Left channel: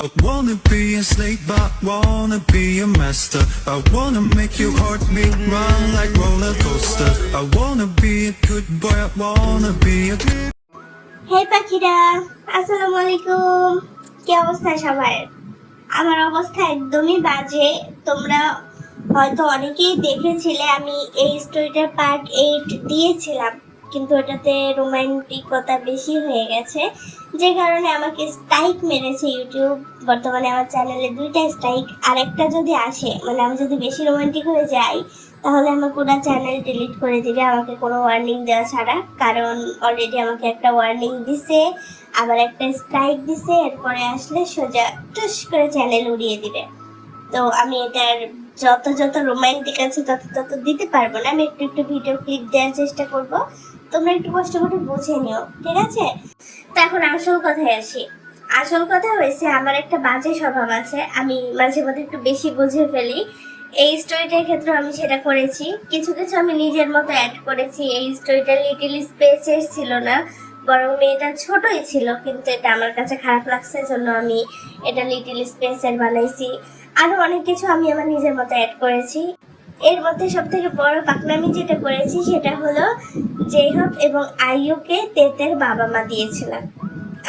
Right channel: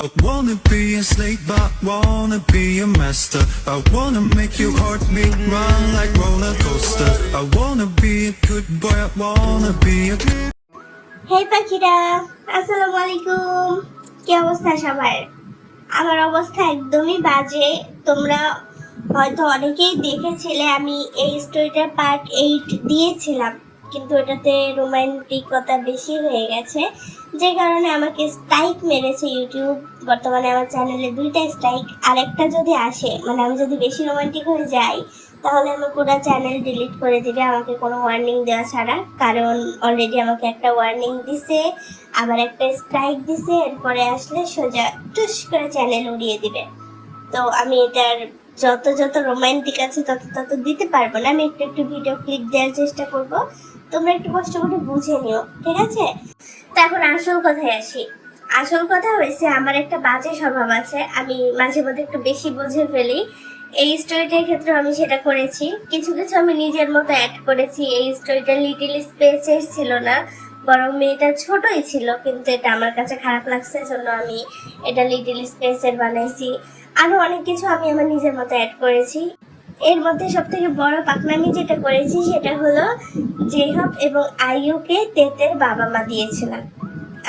I wanna be a slave, but wanna be a master. I wanna make your heartbeat run like roller coaster. I wanna be a good boy, I wanna be a good. হে পাখিরা, আসসালামু আলাইকুম। কি অবস্থা সবার? আমার অবস্থা একদমই বাজে। তোমরা হয়তো অনেকেই দেখেছিলে, আমি এই স্টোরিটার পার্ট 8 দিয়েছিলাম, কিন্তু এটাতে রোমান্টিকতা বেশি হয়ে গেছে, যে কারণে আমাকে স্ট্রাইক মেরেছে ইউটিউব। বর্তমানে আমার চ্যানেলে 2টা স্ট্রাইক, আরেকটা যদি আসে, মানে আমি যদি বেশি রোমান্টিক হয়ে যাই, তাহলে আমার পুরো চ্যানেল ডিলিট করে দিবে আমাকে কোনো ওয়ার্নিং দেওয়া ছাড়া। কারণ অলরেডি আমাকে একটা ওয়ার্নিং দিছে, আবার একটা স্ট্রাইক দিছে, এরপরে আসলে সোজা টুস করে চ্যানেল উড়িয়ে দিবে। তো আমি এটার যত রোমান্টিক আছে তত দিতে পারবো না। আমি একটু একটু ভিডিও ক্লিপ দেওয়ার চেষ্টা করব, তোমরা একটু কষ্ট করে বুঝে নিও, ঠিক আছে? তো এখন আসল কথায় আসি। আসল কথা হয়েছে, আমার একটা বাজে স্বভাব আছে, আমি মাঝে মধ্যে একটু বেশি বুঝে ফেলি। এই স্টোরিটার ক্ষেত্রে আমি সেটা করেছি, কিছু কিছু আমি নিজের মতো অ্যাড করেছি। এই স্টোরিটা লিটল স্পেসের ছিল না, বরং মেয়েটা ছোটই ছিল, কিন্তু এটা আমার কাছে খারাপ লাগছে জন্য আমি এটা লিটল স্পেসের বানাইছি। আরো অনেক কিছু আমি আমার নিজের মতো অ্যাড করেছি। এর মধ্যে সব থেকে বড় পাকনামি যেটা করেছি সেটা হলো, জেহাব এবং আইয়ুকে তেতের বাবা মা দিয়েছিলাম।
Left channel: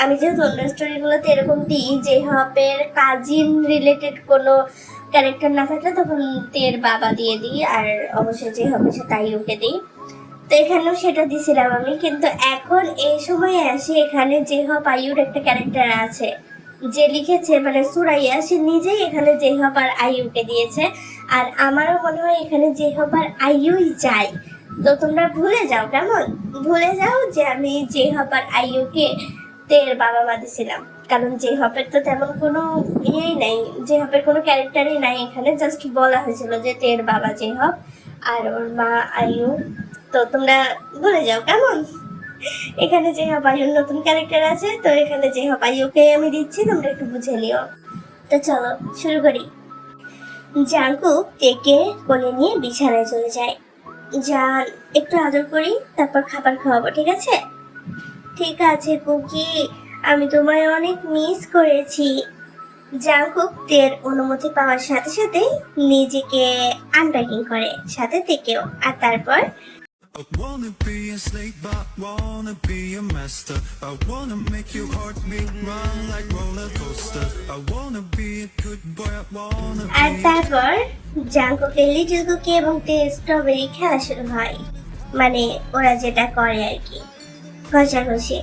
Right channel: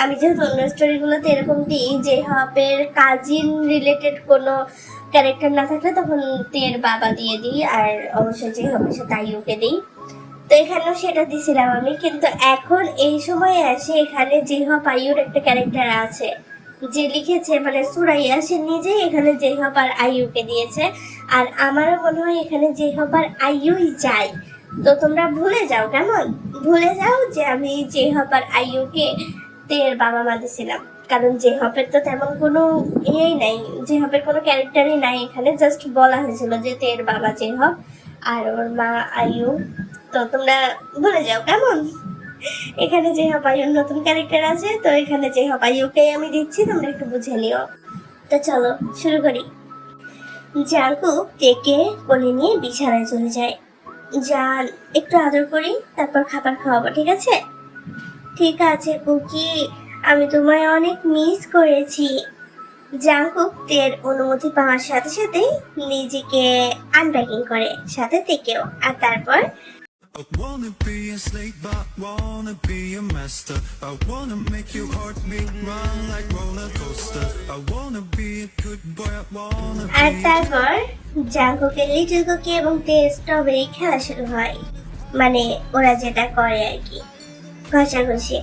আমি যেহেতু অন্য স্টোরিগুলোতে এরকম দিই, জেহাবের কাজিন রিলেটেড কোনো ক্যারেক্টার না থাকলে তখন তের বাবা দিয়ে দিই, আর অবশ্যই জেহাবের সাথে আইয়ুকে দিই। তো এখানেও সেটা দিছিলাম আমি, কিন্তু এখন এই সময়ে আসে এখানে জেহাব আইয়ুর একটা ক্যারেক্টার আছে, যে লিখেছে মানে সুরাইয়া, সে নিজেই এখানে জেহাব আর আইয়ুকে দিয়েছে। আর আমারও মনে হয় এখানে জেহাব আর আইয়ুই চাই। তো তোমরা ভুলে যাও, কেমন ভুলে যাও যে আমি জেহাব আর আইয়ুকে তের বাবা মা দিছিলাম। কারণ জেহাবের তো তেমন কোনো ইয়েই নাই, জেহাবের কোনো ক্যারেক্টারই নাই এখানে, জাস্ট বলা হয়েছিল যে তের বাবা জেহাব আর ওর মা আইয়ু। তো তোমরা ভুলে যাও, কেমন? এখানে জেহাব আইয়ুর নতুন ক্যারেক্টার আছে, তো এখানে জেহাব আইয়ুকেই আমি দিচ্ছি, তোমরা একটু বুঝে নিও। তো চলো শুরু করি। জাঙ্কুক তেকে কোলে নিয়ে বিছানায় চলে যায়। জান, একটু আদর করি, তারপর খাবার খাওয়াবো, ঠিক আছে? ঠিক আছে কুকি, আমি তোমায় অনেক মিস করেছি। জাঙ্কুক তের অনুমতি পাওয়ার সাথে সাথে নিজেকে আনপ্যাকিং করে, সাথে থেকেও, আর তারপর I wanna be a slave, but wanna be a master. I wanna make your heartbeat run like roller coaster. I wanna be a good boy, I wanna R be. তারপর জাঙ্কুকের লিটল কুকি এবং তের strawberry খেলা শুরু হয়, মানে ওরা যেটা করে আর কি, ঘষাঘষি।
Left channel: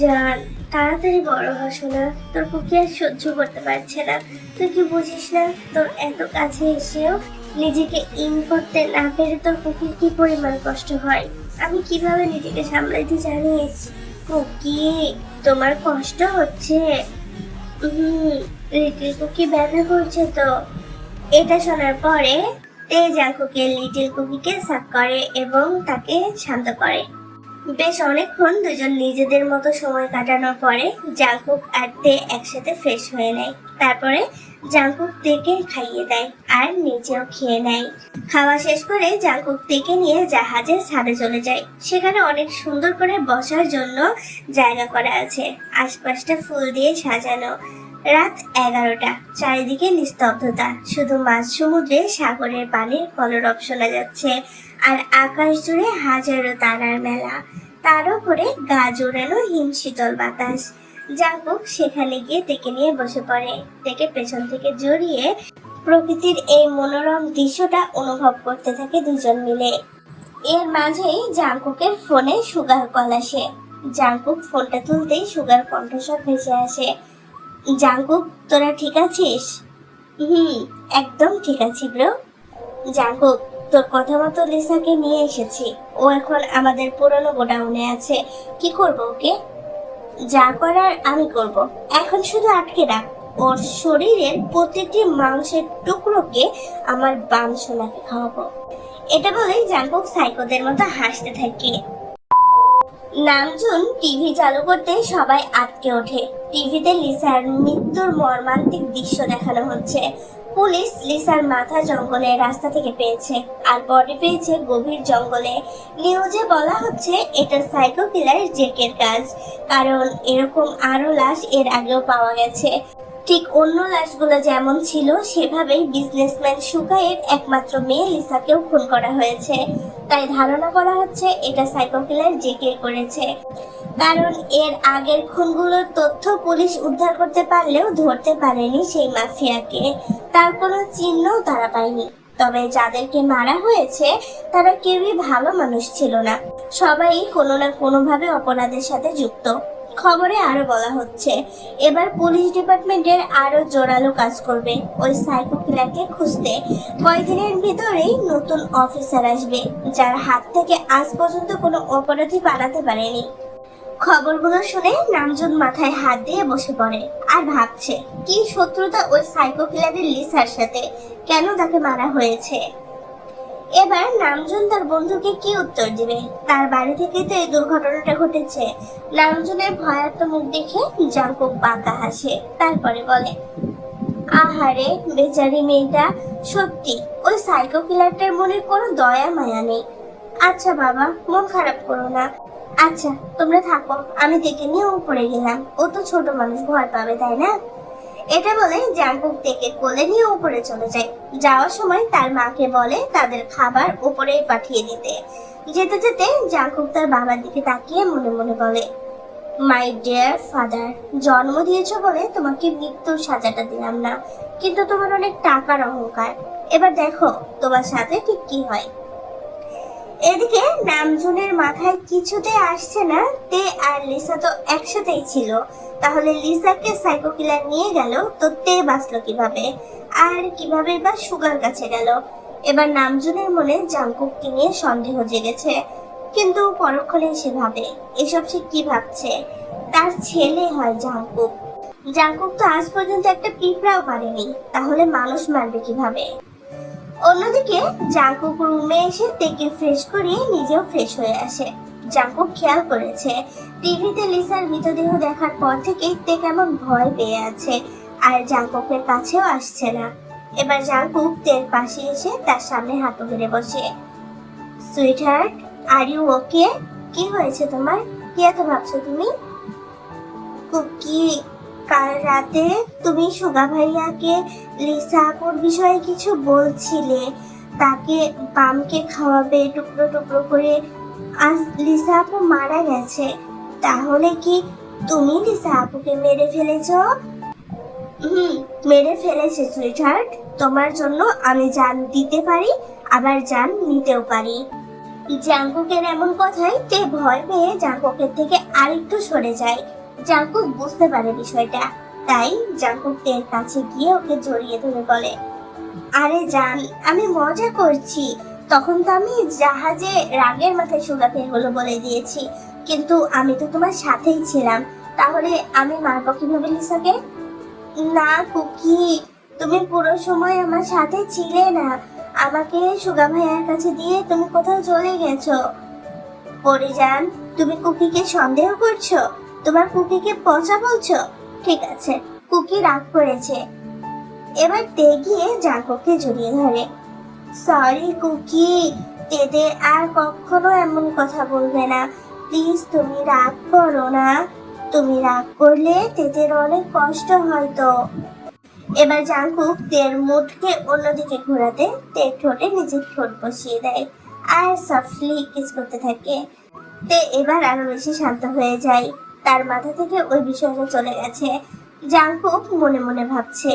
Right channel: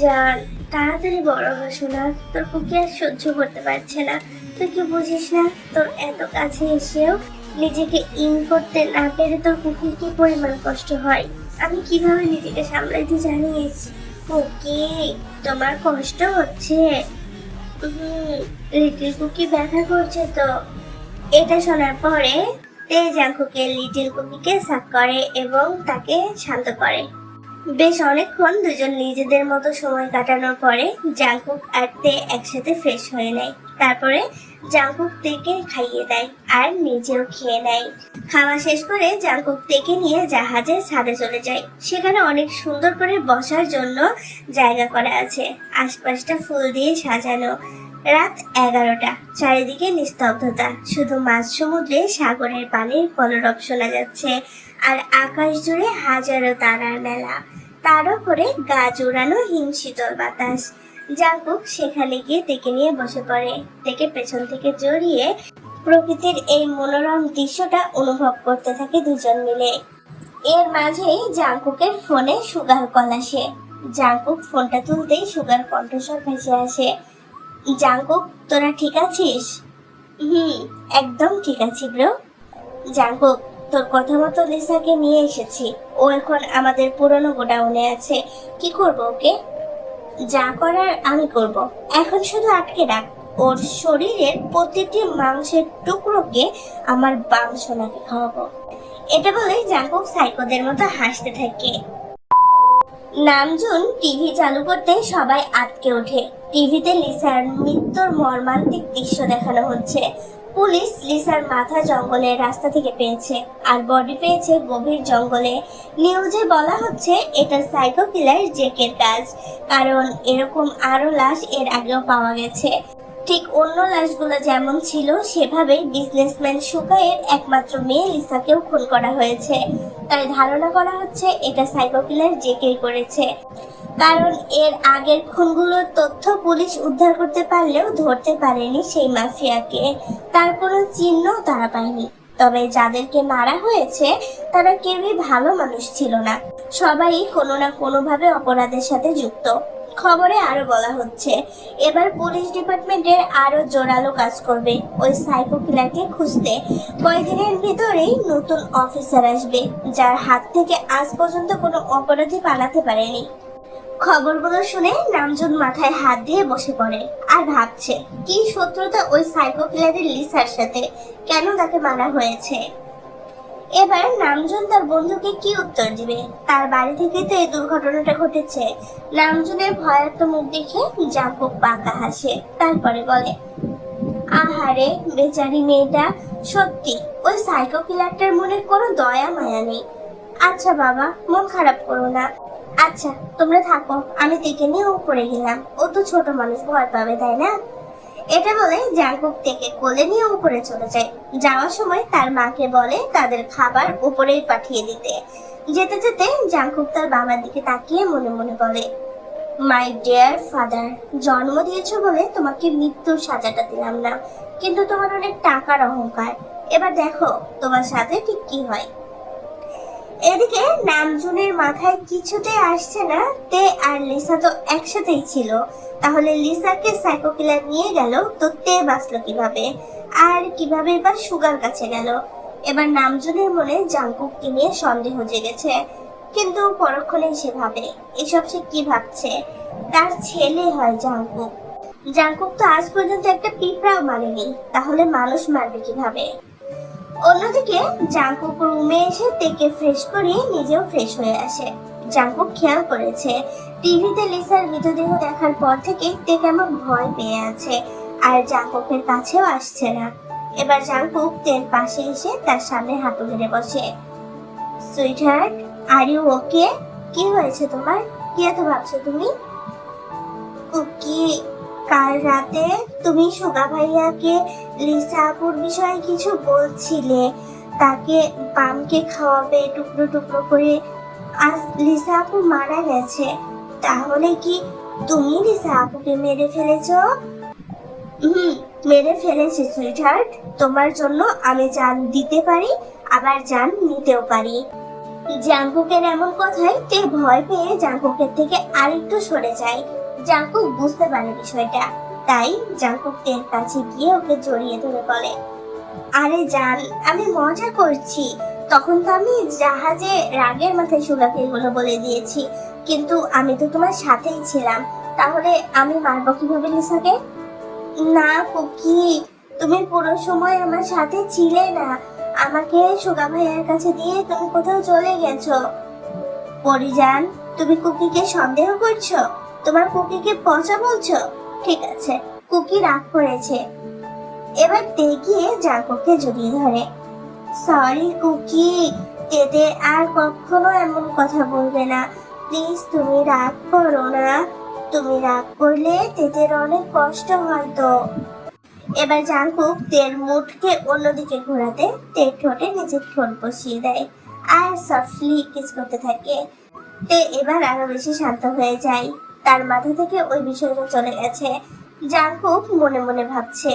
জান, তাড়াতাড়ি বড় হস না, তোর কুকি আর সহ্য করতে পারছে না। তুই কি বুঝিস না, তোর এত কাছে এসেও নিজেকে ইন করতে না পেরে তোর কুকির কি পরিমাণ কষ্ট হয়। আমি কিভাবে নিজেকে সামলাইতে জানিস? কুকি, তোমার কষ্ট হচ্ছে? লিটল কুকি ব্যথা করছে তো। এটা শোনার পরে তে জাঙ্কুকে লিটল কুকিকে সাক করে এবং তাকে শান্ত করে। বেশ অনেকক্ষণ দুজন নিজেদের মতো সময় কাটানোর পরে জাঙ্কুক আর তে একসাথে ফ্রেশ হয়ে নেয়। তারপরে জাঙ্কুক তেকে খাইয়ে দেয় আর নিজেও খেয়ে নেয়। খাওয়া শেষ করে জাঙ্কুক তেকে নিয়ে জাহাজের ছাদে চলে যায়। সেখানে অনেক সুন্দর করে বসার জন্য জায়গা করা আছে, আশপাশটা ফুল দিয়ে সাজানো। রাত 11টা, চারিদিকে নিস্তব্ধতা, শুধু মাঝ সমুদ্রে সাগরের পানির কলরব শোনা যাচ্ছে, আর আকাশ জুড়ে হাজারো তারার মেলা, তার উপরে গা জোড়ানো হিম শীতল বাতাস। জাঙ্কুক সেখানে গিয়ে তেকে নিয়ে বসে পড়ে, তেকে পেছন থেকে জড়িয়ে প্রকৃতির এই মনোরম দৃশ্যটা অনুভব করতে থাকে দুজন মিলে। এর মাঝেই জাঙ্কুকের ফোনে সুগার কল আসে। জাঙ্কুক ফোনটা তুলতেই সুগার কণ্ঠস্বর ভেসে আসে। জাঙ্কুক, তোরা ঠিক আছিস? একদম ঠিক আছি ব্রো। জাঙ্কুক, তোর কথা মতো লিসাকে নিয়ে এসেছি, ও এখন আমাদের পুরনো গোডাউনে আছে। কি করব ওকে? যা করার আমি করব। এখন শুধু আটকে রাখ, ওর শরীরের প্রতিটি মাংসের টুকরোকে আমার বাম সোনাকে খাওয়াবো। এটা বলেই জাঙ্কুক সাইকোদের মতো হাসতে থাকে। নামজুন টিভি চালু করতে সবাই আটকে ওঠে। টিভিতে লিসার মৃত্যুর মর্মান্তিক দৃশ্য দেখানো হচ্ছে। পুলিশ লিসার মাথা জঙ্গলের রাস্তা থেকে পেয়েছে, আর বডি পেয়েছে গভীর জঙ্গলে। নিউজে বলা হচ্ছে এটা সাইকো কিলার জেকের কাজ, কারণ এরকম আরো লাশ এর আগেও পাওয়া গেছে। ঠিক অন্য লাশগুলো যেমন ছিল সেভাবেই বিজনেসম্যান সুখাইয়ের একমাত্র মেয়ে লিসাকেও খুন করা হয়েছে। তাই ধারণা করা হচ্ছে এটা সাইকো কিলার জেকেই করেছে। কারণ এর আগের খুনগুলোর তথ্য পুলিশ উদ্ধার করতে পারলেও ধরতে পারেনি সেই মাফিয়াকে। তার কোনো চিহ্নও তারা পায়নি। তবে যাদেরকে মারা হয়েছে তারা কেউই ভালো মানুষ ছিল না। সবাই কোনো না কোনোভাবে অপরাধের সাথে যুক্ত। খবরে আরো বলা হচ্ছে এবার পুলিশ ডিপার্টমেন্টের আরো জোরালো কাজ করবে ওই সাইকো কিলারকে খুঁজতে। কয়েকদিনের ভিতরেই নতুন অফিসার আসবে যার হাত থেকে আজ পর্যন্ত কোনো অপরাধী পালাতে পারেনি। খবরগুলো শুনে নামজুন মাথায় হাত দিয়ে বসে পড়ে আর ভাবছে কি শত্রুতা ওই সাইকো কিলারের লিসার সাথে, কেন তাকে মারা হয়েছে। এবার নামজুন তার বন্ধুকে কি উত্তর দিবে? তার বাড়ি থেকে তো এই দুর্ঘটনাটা ঘটেছে। নামজুনের ভয়ার্ত মুখ দেখে জাঙ্কুক বাঁকা হাসে, তারপরে বলে, আহারে বেচারি মেয়েটা, সত্যি ওই সাইকো কিলারটার মনে কোনো দয়া মায়া নেই। আচ্ছা বাবা, মন খারাপ করো না। আচ্ছা তোমরা থাকো, আমি দেখে নিয়ে উপরে গেলাম। ও তো ছোট মানুষ, ভয় পাবে তাই না? এটা বলে জাঙ্কুক থেকে কোলে নিয়ে উপরে চলে যায়। যাওয়ার সময় তার মাকে বলে তাদের খাবার উপরেই পাঠিয়ে দিতে। যেতে যেতে জাঙ্কুক তার বাবার দিকে তাকিয়ে মনে মনে বলে, মাই ডিয়ার ফাদার, জন্ম দিয়েছো বলে তোমাকে মৃত্যুর সাজাটা দিলাম না, কিন্তু তোমার অনেক টাকার অহংকার। এবার দেখো তোমার সাথে ঠিক কি হয়। এদিকে নামজুনের মাথায় কিছুতে আসছে না তে আর লিসা তো একসাথেই ছিল। তাহলে লিসাকে সাইকো কিলার নিয়ে গেল তো তে বাঁচলো কিভাবে, আর কিভাবে বা সুগার কাছে গেল? এবার নামজুনের মনে জাঙ্কুককে নিয়ে সন্দেহ জেগেছে। কিন্তু পরক্ষণে সে ভাবে এসব সে কি ভাবছে, তার ছেলে হয় জাঙ্কুক। জাঙ্কুক তো আজ পর্যন্ত একটা পিঁপড়াও মারেনি, তাহলে মানুষ মারবে কিভাবে? অন্যদিকে জাঙ্কুক রুমে এসে তেকে ফ্রেশ করিয়ে নিজেও ফ্রেশ হয়ে আসে। জাঙ্কুক খেয়াল করেছে টিভিতে লিসার মৃতদেহ দেখার পর থেকে তে কেমন ভয় পেয়ে আছে, আর জাঙ্কুকের কাছেও আসছে না। এবার জাঙ্কুক তের পাশে এসে তার সামনে হাঁটু ধরে বসে। Sweetheart, are you okay? কি হয়েছে তোমার? কি এত ভাবছো তুমি? কুকি, কাল রাতে তুমি সুগা ভাইয়াকে লিসা আপুর বিষয়ে কিছু বলছিলে, তাকে পামকে খাওয়াবে টুকরো টুকরো করে। আজ লিসা আপু মারা গেছে, তাহলে কি তুমি লিসা আপুকে মেরে ফেলেছো? মেরে ফেলেছি সুইটহার্ট। তোমার জন্য আমি জান দিতে পারি, আবার জান নিতেও পারি। জাঙ্কুকের এমন কথায় তে ভয় পেয়ে জাঙ্কুকের থেকে আরেকটু সরে যায়। জাঙ্কুক বুঝতে পারে বিষয়টা, তাই জাঙ্কুক তের কাছে গিয়ে ওকে জড়িয়ে ধরে বলে, আরে জান, আমি মজা করছি। তখন তো আমি জাহাজে রাগের মাথায় সুগাকে এগুলো বলে দিয়েছি, কিন্তু আমি তো তোমার সাথেই ছিলাম। তাহলে আমি মারবো কিভাবে লিসাকে? না কুকি, তুমি পুরো সময় আমার সাথে ছিলে না। আমাকে সুগা ভাইয়ার কাছে দিয়ে তুমি কোথাও চলে গেছো। পরিজান, তুমি কুকিকে সন্দেহ করছো? তোমার কুকিকে পচা বলছো? ঠিক আছে, কুকি রাগ করেছে। এবার তে গিয়ে জাঙ্কুককে জড়িয়ে ধরে। সরি কুকি, তেতে আর কখনো এমন কথা বলবে না। প্লিজ তুমি রাগ করো না। তুমি রাগ করলে তেতের অনেক কষ্ট হয়তো। এবার জাঙ্কুক তের মুখকে অন্যদিকে ঘোরাতে তে ঠোঁটে নিজের ঠোঁট বসিয়ে দেয় আর সফটলি কিস করতে থাকে। তে এবার আরো বেশি শান্ত হয়ে যায়, তার মাথা থেকে ওই বিষয়টা চলে গেছে। জাঙ্কুক মনে মনে ভাবছে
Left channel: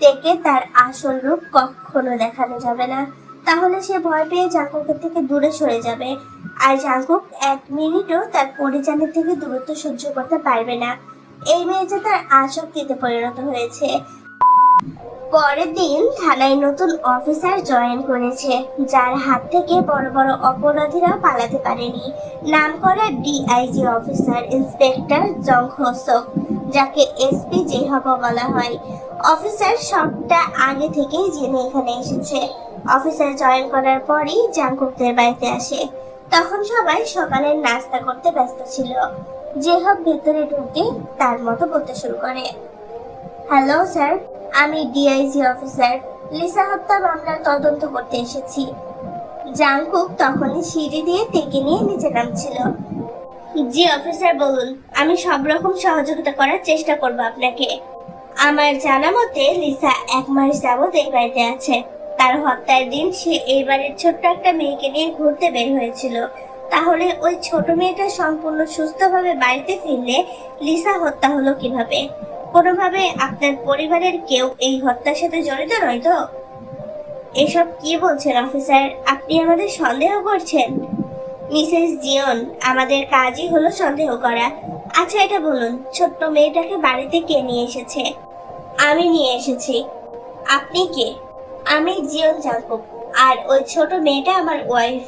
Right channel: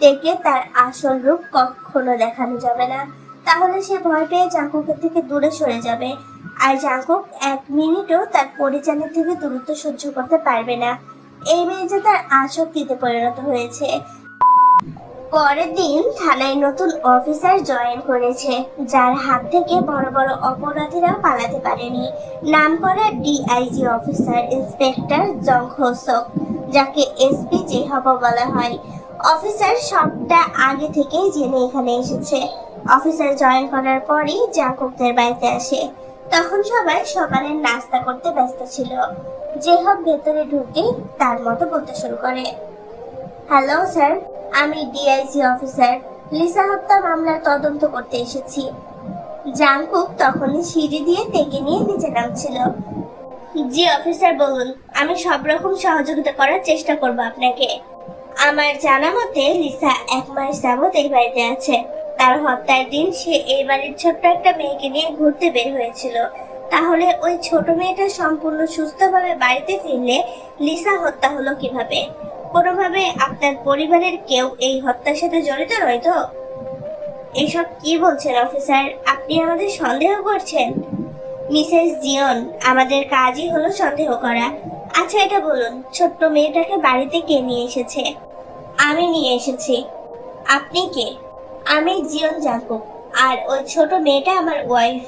তেকে তার আসল রূপ কখনো দেখানো যাবে না, তাহলে সে ভয় পেয়ে জাঙ্কুকের থেকে দূরে সরে যাবে। আর জাঙ্কুক এক মিনিটও তার পরিচানের থেকে দূরত্ব সহ্য করতে পারবে না। এই মেয়ে যে তার আসক্তিতে পরিণত হয়েছে। পরের দিন থানায় নতুন অফিসার জয়েন করেছে, যার হাত থেকে বড় বড় অপরাধীরা পালাতে পারেনি। নাম করা ডিআইজি অফিসার ইন্সপেক্টর জং হোসক, যাকে এসপি জেহাব বলা হয়। অফিসার সবটা আগে থেকেই জেনে এখানে এসেছে। অফিসার জয়েন করার পরই জাঙ্কুকদের বাড়িতে আসে। তখন সবাই সকালের নাস্তা করতে ব্যস্ত ছিল। জেহাব ভেতরে ঢুকে তার মতো বলতে শুরু করে, হ্যালো স্যার, আমি ডিআইজি অফিসার লিসা হত্যা মামলার তদন্ত করতে এসেছি। জাঙ্কুক তখনই সিঁড়ি দিয়ে তেকে নিয়ে নিচে নামছিল। জি অফিসার বলুন, আমি সব রকম সহযোগিতা করার চেষ্টা করব আপনাকে। আমার জানা মতে লিসা 1 মাস যাবত এই বাড়িতে আছে। তার হত্যার দিন সে এই বাড়ির ছোট্ট একটা মেয়েকে নিয়ে ঘুরতে বের হয়েছিল। তাহলে ওই ছোট মেয়েটা সম্পূর্ণ সুস্থভাবে বাড়িতে ফিরলে লিসা হত্যা হলো কিভাবে? কোনোভাবে আপনার পরিবারের কেউ এই হত্যার সাথে জড়িত নয় তো? এসব কি বলছেন অফিসার? আপনি আমাদের সন্দেহ করছেন? মিসেস জিয়ন, আমাদের কাজই হলো সন্দেহ করা। আচ্ছা এটা বলুন, ছোট্ট মেয়েটাকে বাড়িতে কে নিয়ে এসেছে? আমি নিয়ে এসেছি। আপনি কে? আমি জিয়ন জাঙ্কুক, আর ওই ছোট মেয়েটা আমার ওয়াইফ।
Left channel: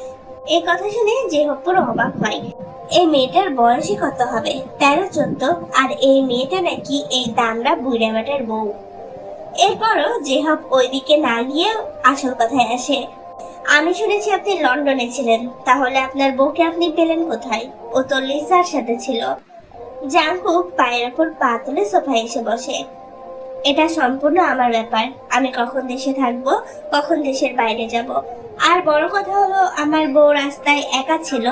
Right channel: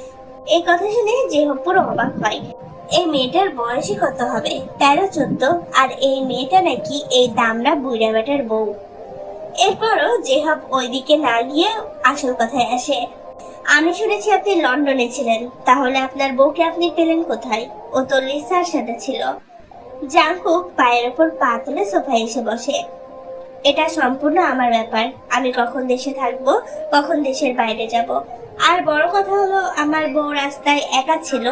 এই কথা শুনে জিহব পুরো অবাক হয়। এই মেয়েটার বয়সই কত হবে? 13-14। আর এই মেয়েটা নাকি এই দামড়া বুড়া বেটার বউ। এরপরও জেহব ওইদিকে না গিয়ে আসল কথায় আসে। আমি শুনেছি আপনি লন্ডনে ছিলেন, তাহলে আপনার বউকে আপনি পেলেন কোথায়? ও তো লিসার সাথে ছিল। জাংকুক পায়ের ওপর পা তুলে সোফায় এসে বসে। এটা সম্পূর্ণ আমার ব্যাপার। আমি কখন দেশে থাকবো, কখন দেশের বাইরে যাব। আর বড় কথা হলো, আমার বউ রাস্তায় একা ছিল,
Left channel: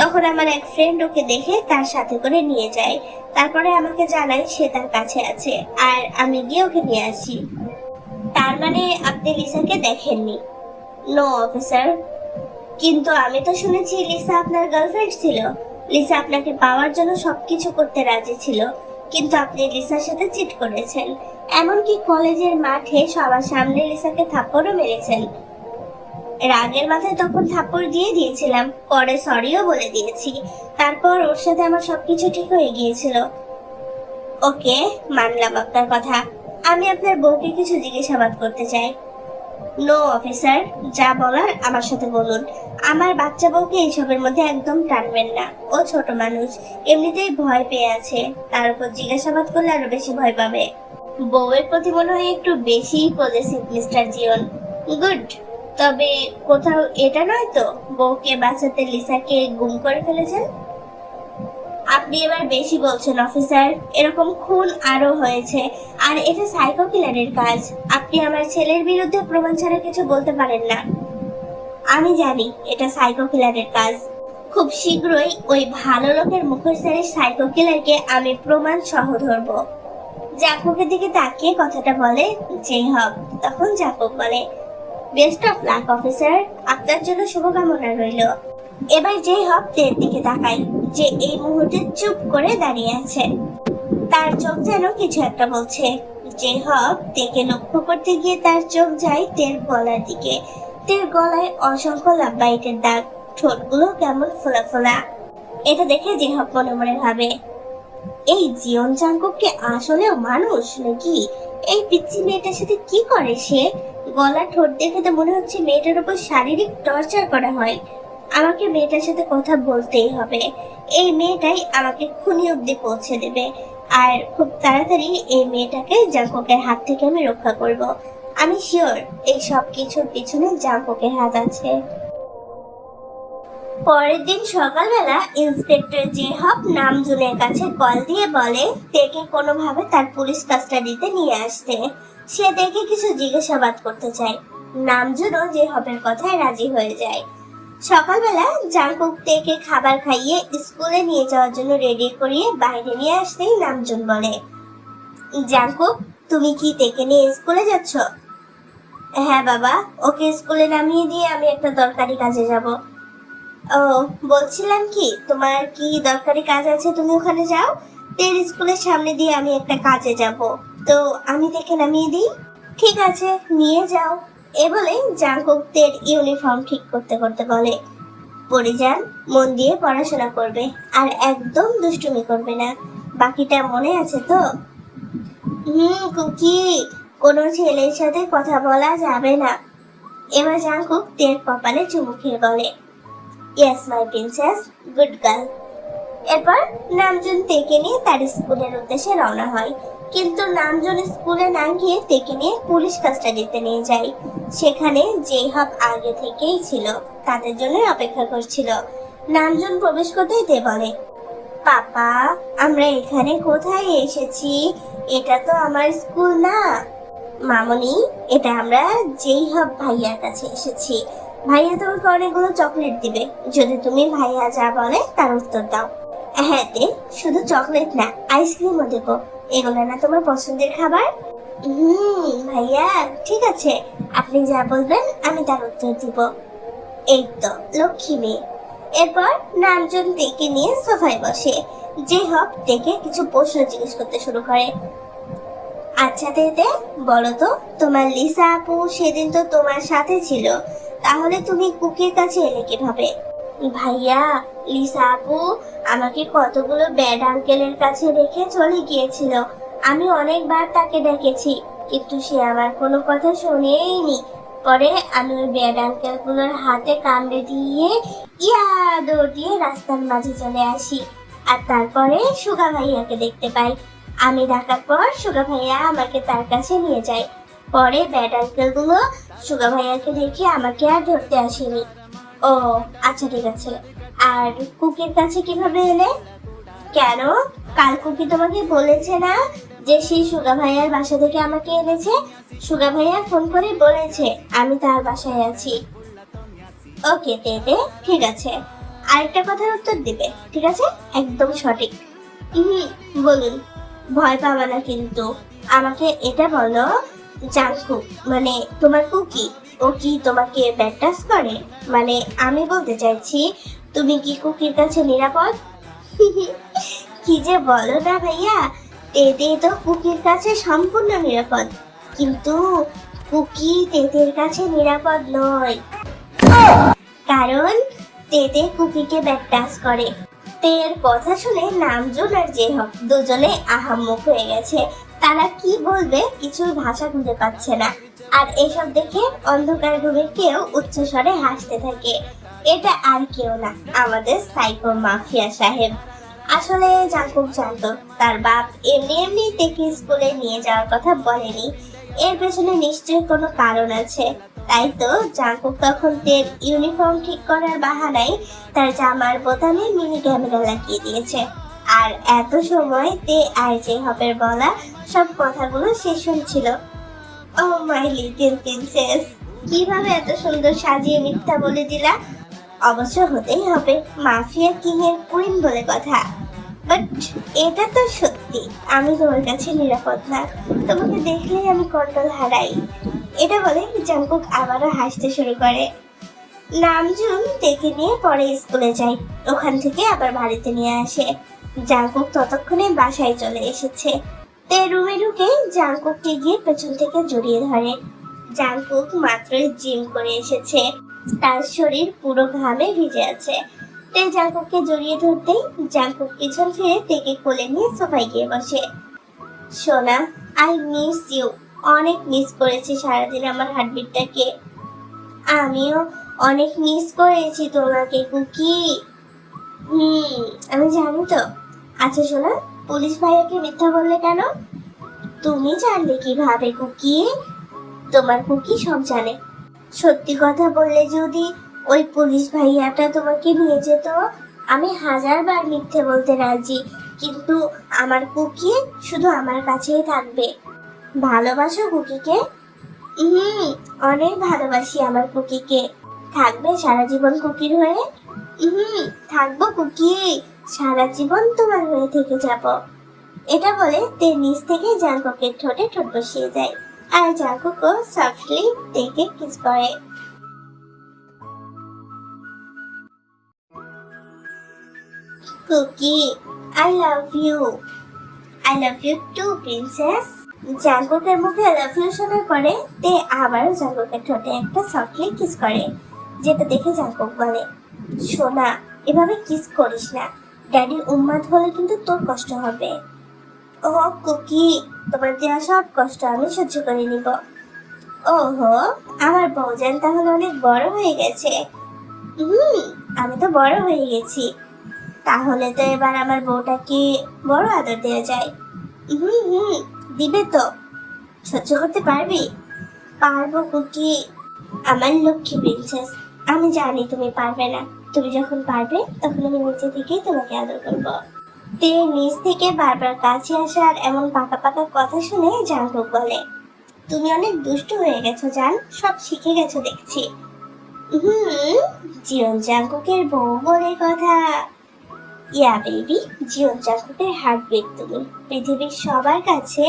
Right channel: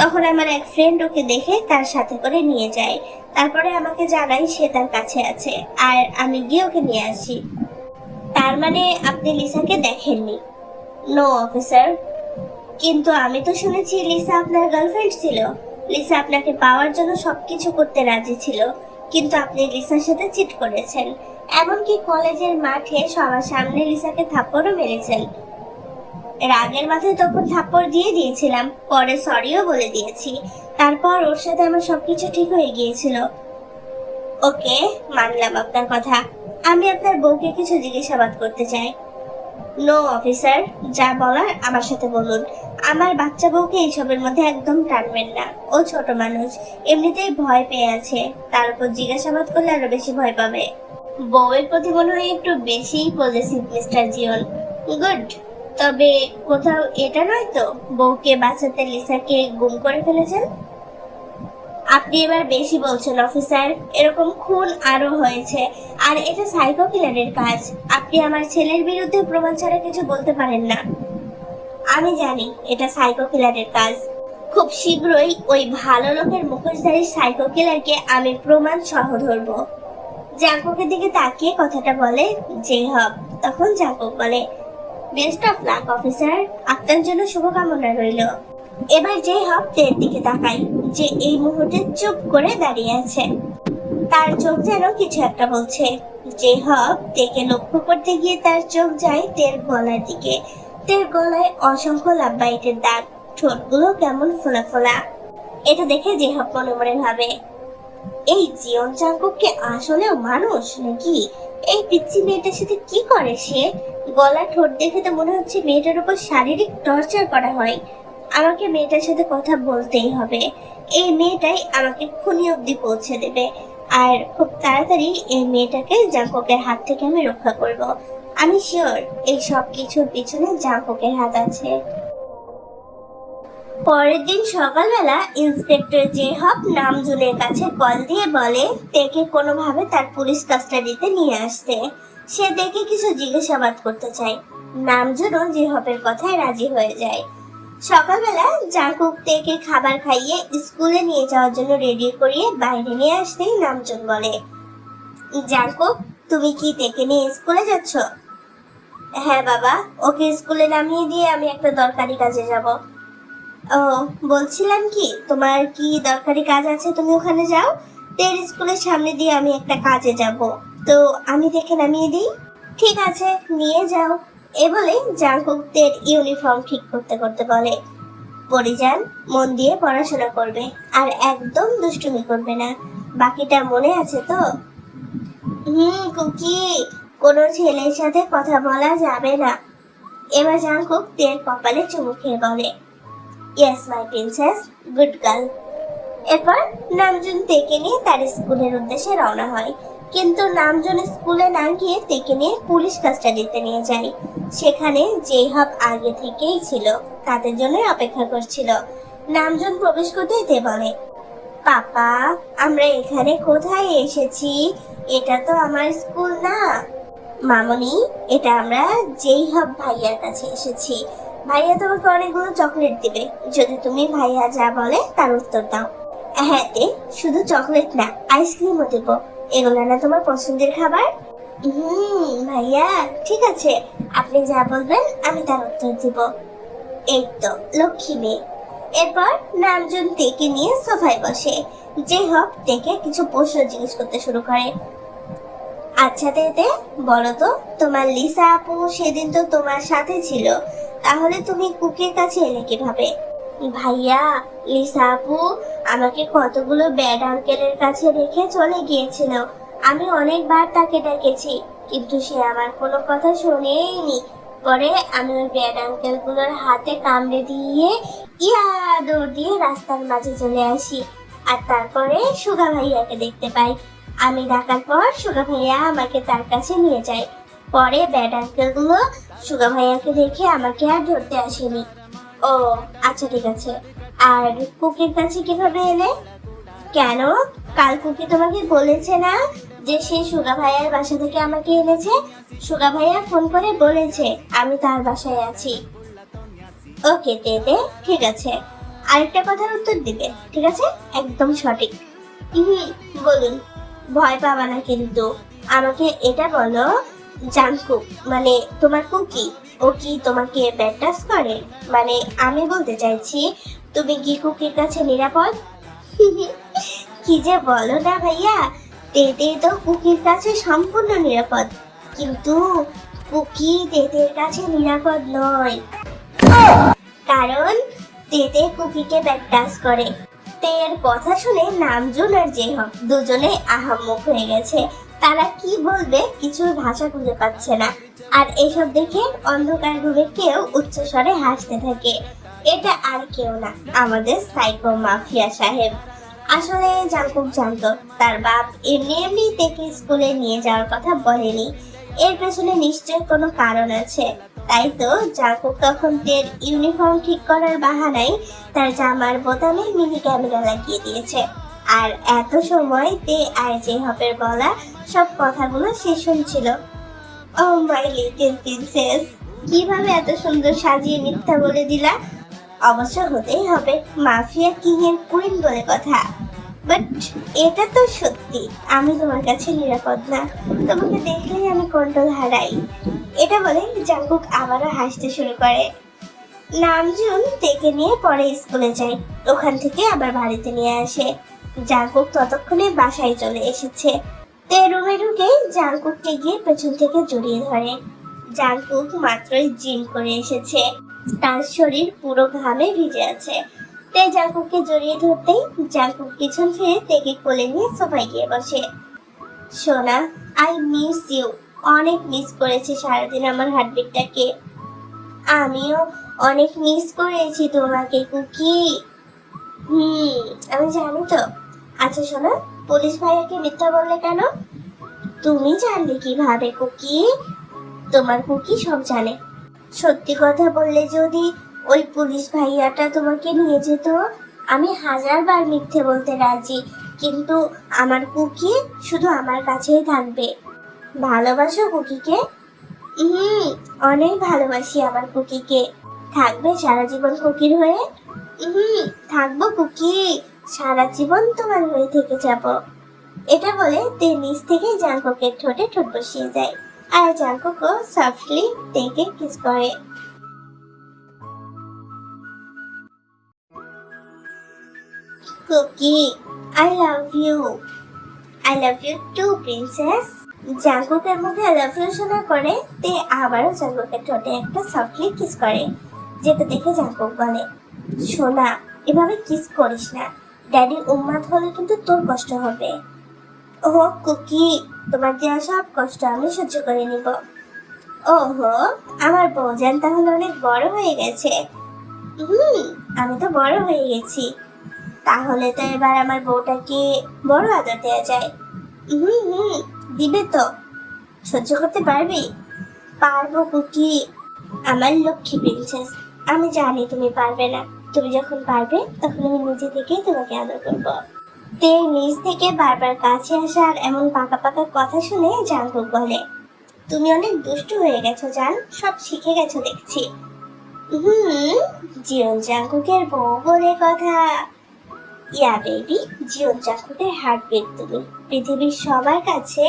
তখন আমার এক ফ্রেন্ড ওকে দেখে তার সাথে করে নিয়ে যায়। তারপরে আমাকে জানায় সে তার কাছে আছে, আর আমি গিয়ে ওকে নিয়ে আসি। তার মানে আপনি লিসাকে দেখেননি? No officer. কিন্তু আমি তো শুনেছি লিসা আপনার গার্লফ্রেন্ড ছিল। লিসা আপনাকে পাওয়ার জন্য সবকিছু করতে রাজি ছিল, কিন্তু আপনি লিসার সাথে চিট করেছেন। এমনকি কলেজের মাঠে সবার সামনে লিসাকে থাপ্পড়ও মেরেছেন। রাগের মাথায় তখন থাপ্পড় দিয়ে দিয়েছিলাম, পরে সরিও বলে দিয়েছি। তারপর ওর সাথে আমার সবকিছু ঠিক হয়ে গিয়েছিল। ওকে, মানলাম আপনার কথা। আমি আপনার বউকে কিছু জিজ্ঞাসাবাদ করতে চাই। নো অফিসার, যা বলার আমার সাথে বলুন। আমার বাচ্চা বউকে এইসবের মধ্যে একদম টানবেন না। ও ছোট মানুষ, এমনিতেই ভয় পেয়ে আছে, তার উপর জিজ্ঞাসাবাদ করলে আরো বেশি ভয় পাবে। বউয়ের প্রতি মনে হয় একটু বেশি পজিটিভ মিস্টার জিওন। গুড। তবে কোথাও এটা নয় তো বউকে বাঁচাতে লিসাকে গুম করে ফেলেছেন? আপনি এবার বেশি বলছেন অফিসার। এরকম খুন আরো হয়েছে, আর এটা সাইকো কিলারের কাজ। আপনি আমার ছেলের বিরুদ্ধে প্রমাণ ছাড়া কিছু বলতে পারেন না। আমি জানি এটা সাইকো কিলারের কাজ। খুব শীঘ্রই ওই ভালো লোকের মুখোশধারী সাইকো কিলারকে আমি প্রমাণ সহ ধরবো। জাঙ্কুকের দিকে তাকিয়ে কথাটা বলে জেহব। তখন জাঙ্কুক বলে, বেস্ট অফ লাক অফিসার, আপনার জন্য শুভকামনা রইল। এবার জেহব তের দিকে তাকাই, যে এই মুহূর্তে চুপ করে দাঁড়িয়ে আছে। তার চোখ যেন কিছু একটা বলছে। জেহব তেকে লক্ষ্য করতে গিয়ে তার চোখ যায় তের গলার দিকে। তের গলায় অসংখ্য লাভবাইটের দাগ, ঠোঁটগুলো কেমন ফোলা ফোলা। এটা দেখে জেহব মনে মনে ভাবে, এই জিয়ন জাঙ্কুক কি আসলেও মানুষ নাকি? এই পিচ্চি মেয়েটার সাথে কি করে সে? গলা ঠোঁট দেখে তো মনে হচ্ছে মেয়েটার উপর শারীরিক টর্চার করা হয়। আমাকে মেয়েটার সাথে কথা বলতেই হবে। এই মেয়েটাই আমাকে খুনি অব্দি পৌঁছে দেবে, আর খুব তাড়াতাড়ি এই মেয়েটাকে জাঙ্কুকের হাত থেকে আমি রক্ষা করব। আমি শিওর এই সব কিছুর পিছনে জাঙ্কুকের হাত আছে। পরের দিন সকালবেলা ইন্সপেক্টর জেহব নামজুনের কাছে কল দিয়ে বলে তেকে কোনোভাবে তার পুলিশ কাস্টাডিতে নিয়ে আসতে। সে তেকে কিছু জিজ্ঞাসাবাদ করতে চায়। নামজুনও জেহবের কথায় রাজি হয়ে যায়। সকালবেলা জাঙ্কুক তেকে খাবার খাইয়ে স্কুলে নিয়ে যাওয়ার জন্য রেডি করিয়ে বাইরে নিয়ে আসতেই নামজুন বলে, জাঙ্কুক, তুমি কি তেকে নিয়ে স্কুলে যাচ্ছ? হ্যাঁ বাবা, ওকে স্কুলে নামিয়ে দিয়ে আমি একটা দরকারি কাজে যাব। ও, বলছিলাম কি, তোমার কি দরকারি কাজ আছে, তুমি ওখানে যাও। তের স্কুলের সামনে দিয়ে আমি একটা কাজে যাব, তো আমি দেখে নামিয়ে দিই। ঠিক আছে, নিয়ে যাও। এ বলে জাঙ্কুক তের ইউনিফর্ম ঠিক করতে করতে বলে, পরে যান, মন দিয়ে পড়াশোনা করবে, আর একদম দুষ্টুমি করবে না। বাকিটা মনে আছে তো? কুকি, কোনো ছেলের সাথে কথা বলা যাবে না। এবার জাঙ্কুক তের কপালে চুমু খেয়ে বলে, yes my princess, good girl. এরপর নামজুন তেকে নিয়ে তার স্কুলের উদ্দেশ্যে রওনা হয়। কিন্তু নামজুন স্কুলে না গিয়ে তেকে নিয়ে পুলিশ কাস্টাডিতে নিয়ে যায়। সেখানে জেহব আগে থেকেই ছিল, তাদের জন্য অপেক্ষা করছিল। নামজুন প্রবেশ করতেই তে বলে, পাপা, আমরা এখানে কোথায় এসেছি? এটা তো আমার স্কুল না। মামনি, এটা আমরা জেহব ভাইয়ার কাছে এসেছি। ভাইয়া তোমাকে অনেকগুলো চকলেট দিবে যদি তুমি ভাইয়া যা বলে তার উত্তর দাও। হ্যাঁ দে, শুধু চকলেট না, আইসক্রিমও দেবো। এগুলো না তোমার পছন্দের খাবার? ভাইয়া, ঠিক আছে, আপনি যা বলবেন আমি তার উত্তর দিব। এই তো লক্ষ্মী মেয়ে। এরপর নামজন তেকে নিয়ে সোফায় বসে। যে হক তেকে কিছু প্রশ্ন জিজ্ঞেস করতে শুরু করে। আচ্ছা তেতে, বলো তো, তোমার লিসা আপু সেদিন তো তোমার সাথে ছিল, তাহলে তুমি কুকির কাছে এলে কিভাবে? ভাইয়া, লিসা আপু আমাকে কতগুলো ব্যাড আঙ্কেলের কাছে রেখে চলে গিয়েছিল। আমি অনেকবার তাকে ডেকেছি, কিন্তু সে আমার কোনো কথা শোনেইনি। পরে আমি ওই ব্যাড আঙ্কেলগুলোর হাতে কামড়ে দিয়ে দৌড় দিয়ে রাস্তার মাঝে চলে আসি। আর তারপরে সুগা ভাইয়াকে দেখতে পাই। আমি ডাকার পর সুগা ভাইয়া আমাকে তার কাছে নিয়ে যায়। পরে ব্যাড আঙ্কেল গুলো সুগা ভাইয়াকে দেখে আমাকে আর ধরতে আসেনি। ও আচ্ছা, ঠিক আছে। আর কুকির কাছে কিভাবে এলে? কেন, কাল কুকি তোমাকে বলেছে না যে সে সুগা ভাইয়ার বাসা থেকে আমাকে এনেছে? সুগা ভাইয়া ফোন করে বলেছে আমি তার বাসায় আছি। ওকে দেবে, ঠিক আছে। আরেকটা কথার উত্তর দিবে, ঠিক আছে? একদম সঠিক। বলুন, ভয় পাবা না কিন্তু। আমাকে এটা বলো, জাংকুক মানে তোমার কুকি, ও কি তোমাকে ব্যাড টাচ করে? মানে আমি বলতে চাইছি, তুমি কি কুকির কাছে নিরাপদ? কি যে বলো না ভাইয়া, তেতে তো কুকির কাছে সম্পূর্ণ নিরাপদ, কিন্তু কুকি তেতের কাছে নিরাপদ নয়। কারণ তেতে কুকিকে ব্যাড টাচ করে। তের কথা শুনে নামজুন আর জেহক দুজনে আহাম্মক হয়ে গেছে। তারা কি বলবে কিছু ভাষা খুঁজে পাচ্ছে না। আর এসব দেখে অন্ধকার রুমে কেউ উচ্চস্বরে হাসতে থাকে। এটা আর কেউ না, আমাদের সাইকো মাফিয়া সাহেব। আসলে জাংকুক জানতো তার বাপ এমনি এমনি থেকে স্কুলে নিয়ে যাওয়ার কথা বলেনি। এর পেছনে নিশ্চয়ই কোনো কারণ আছে। তাই তো জাংকুক তখন তের ইউনিফর্ম ঠিক করার বাহানায় তার জামার বোতামে মিনি ক্যামেরা লাগিয়ে দিয়েছে। আর এত সময় তে আর জেহবের বলা সব কথাগুলো সে শুনছিল। ও মাই লিটল প্রিন্সেস, কিভাবে এত সুন্দর সাজিয়ে মিথ্যা বলে দিলা? অবশ্য হতেই হবে, মাফিয়া কিং এর কুইন বলে কথা। বাট এটা তো সত্যি, আমি তোমার কাছে নিরাপদ না। তোমাকে দেখলেই আমি কন্ট্রোল হারাই। এটা বলে জাংকুক আবারও হাসতে শুরু করে। নামজুন ডেকে নিয়ে পরে স্কুলে যায়। ওখান থেকে আবার বাড়িতে নিয়ে আসে। জাংকুক ততক্ষণে বাসায় চলে এসেছে। তে রুমে ঢুকে জাংকুককে গিয়ে পেছন থেকে জড়িয়ে ধরে। জাংকুক মাত্রই জিম করে এসেছে, তার শরীর পুরো ঘামে ভিজে আছে। তে জাংকুককে জড়িয়ে ধরতেই জাংকুক পিছন ফিরে তেকে কোলে নিয়ে সোফায় গিয়ে বসে। সোনা, আই মিস ইউ। অনেক মিস করেছি সারাদিন আমার হার্টবিটটাকে। আমিও অনেক মিস করেছি তোমাকে কুকি। আমি জানি তো। আচ্ছা শোনা, পুলিশ ভাইয়াকে মিথ্যা বললে কেন? তুমি জানলে কিভাবে কুকি? তোমার কুকি সব জানে। সত্যি কথা বললে যদি ওই পুলিশ ভাইয়াটা তোমাকে নিয়ে যেত, আমি 1000 বার মিথ্যে বলতে রাজি, কিন্তু আমার কুকি শুধু আমার কাছেই থাকবে। ভালোবাসো কুকিকে? অনেক ভালোবাসি আমার কুকিকে। থাকবে সারা জীবন কুকির হয়ে? থাকবো কুকি, সারা জীবন তোমার হয়ে থেকে যাব। এটা বলে তে নিচ থেকে জাংকুকের ঠোঁটে ঠোঁট বসিয়ে যায়। আর জাংকুকও সফটলি তেকে কিস করে। Kookie, I love you. I love you too princess. জাংকুকের মুখে আই লাভ ইউ শোনার পরে তে আবারও জাংকুকের ঠোঁটে একটা সফটলি কিস করে, যেটা দেখে জাংকুক বলে, সোনা এভাবে কিস করিস না, ড্যাডির উম্মাদ হলে কিন্তু তোর কষ্ট হবে। ওহো কুকি, তোমার দেওয়া সব কষ্ট আমি সহ্য করে নিব। ওহো, আমার বউজান তাহলে অনেক বড় হয়ে গেছে। আমি তো বড় হয়ে গেছি। তাহলে তো এবার আমার বউটাকে বড় আদর দেওয়া যায়। দিবে তো? সহ্য করতে পারবি? পারবো কুকি, আমার লক্ষ্মী প্রিন্সেস। আমি জানি তুমি পারবে না। তুমি যখন পারবে তখন আমি নিজে থেকেই তোমাকে আদর করবো। তে নিজ থেকে বারবার কাছে আসার এমন পাকা পাকা কথা শুনে জাংকুক বলে, তুমি অনেক দুষ্টু হয়ে গেছো জান, সব শিখে গেছো দেখছি। জিয়ন জাংকুকের বউ বলে কথা। ইয়া বেবি, জিয়ন জাঙ্কুকের হার্টবিট তুমি। পৃথিবীর সবার কাছে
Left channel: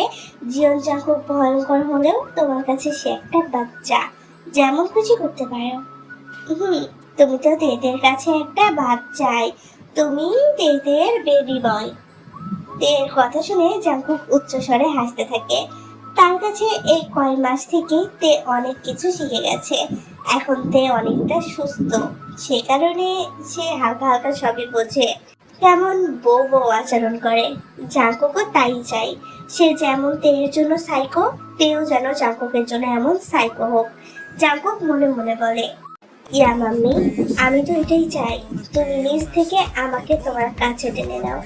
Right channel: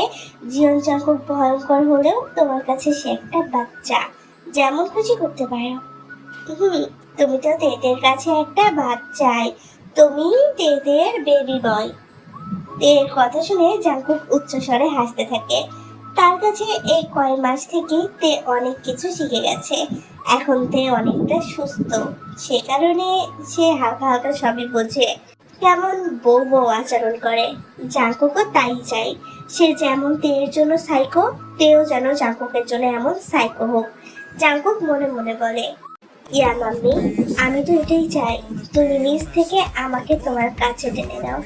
জিয়ন জাঙ্কুক ভয়ঙ্কর হলেও তোমার কাছে সে একটা বাচ্চা, যেমন খুশি করতে পারো। হুম, তুমি তো তেদের কাছে একটা বাচ্চাই, তুমি তেদের বেবি বয়। তের কথা শুনে জাঙ্কুক উচ্চস্বরে হাসতে থাকে। তার কাছে এই কয় মাস থেকে তে অনেক কিছু শিখে গেছে। এখন তে অনেকটা সুস্থ, সে কারণে সে হালকা হালকা সবই বোঝে। কেমন বউ বউ আচরণ করে, জাঙ্কুকও তাই চাই। সে যেমন তের জন্য সাইকো, তেও যেন জাঙ্কুকের জন্য এমন সাইকো হোক। জাঙ্কুক মনে মনে বলে, ইয়া মাম্মি, আমি তো এটাই চাই। তুমি নিজ থেকে আমাকে তোমার কাছে টেনে নাও,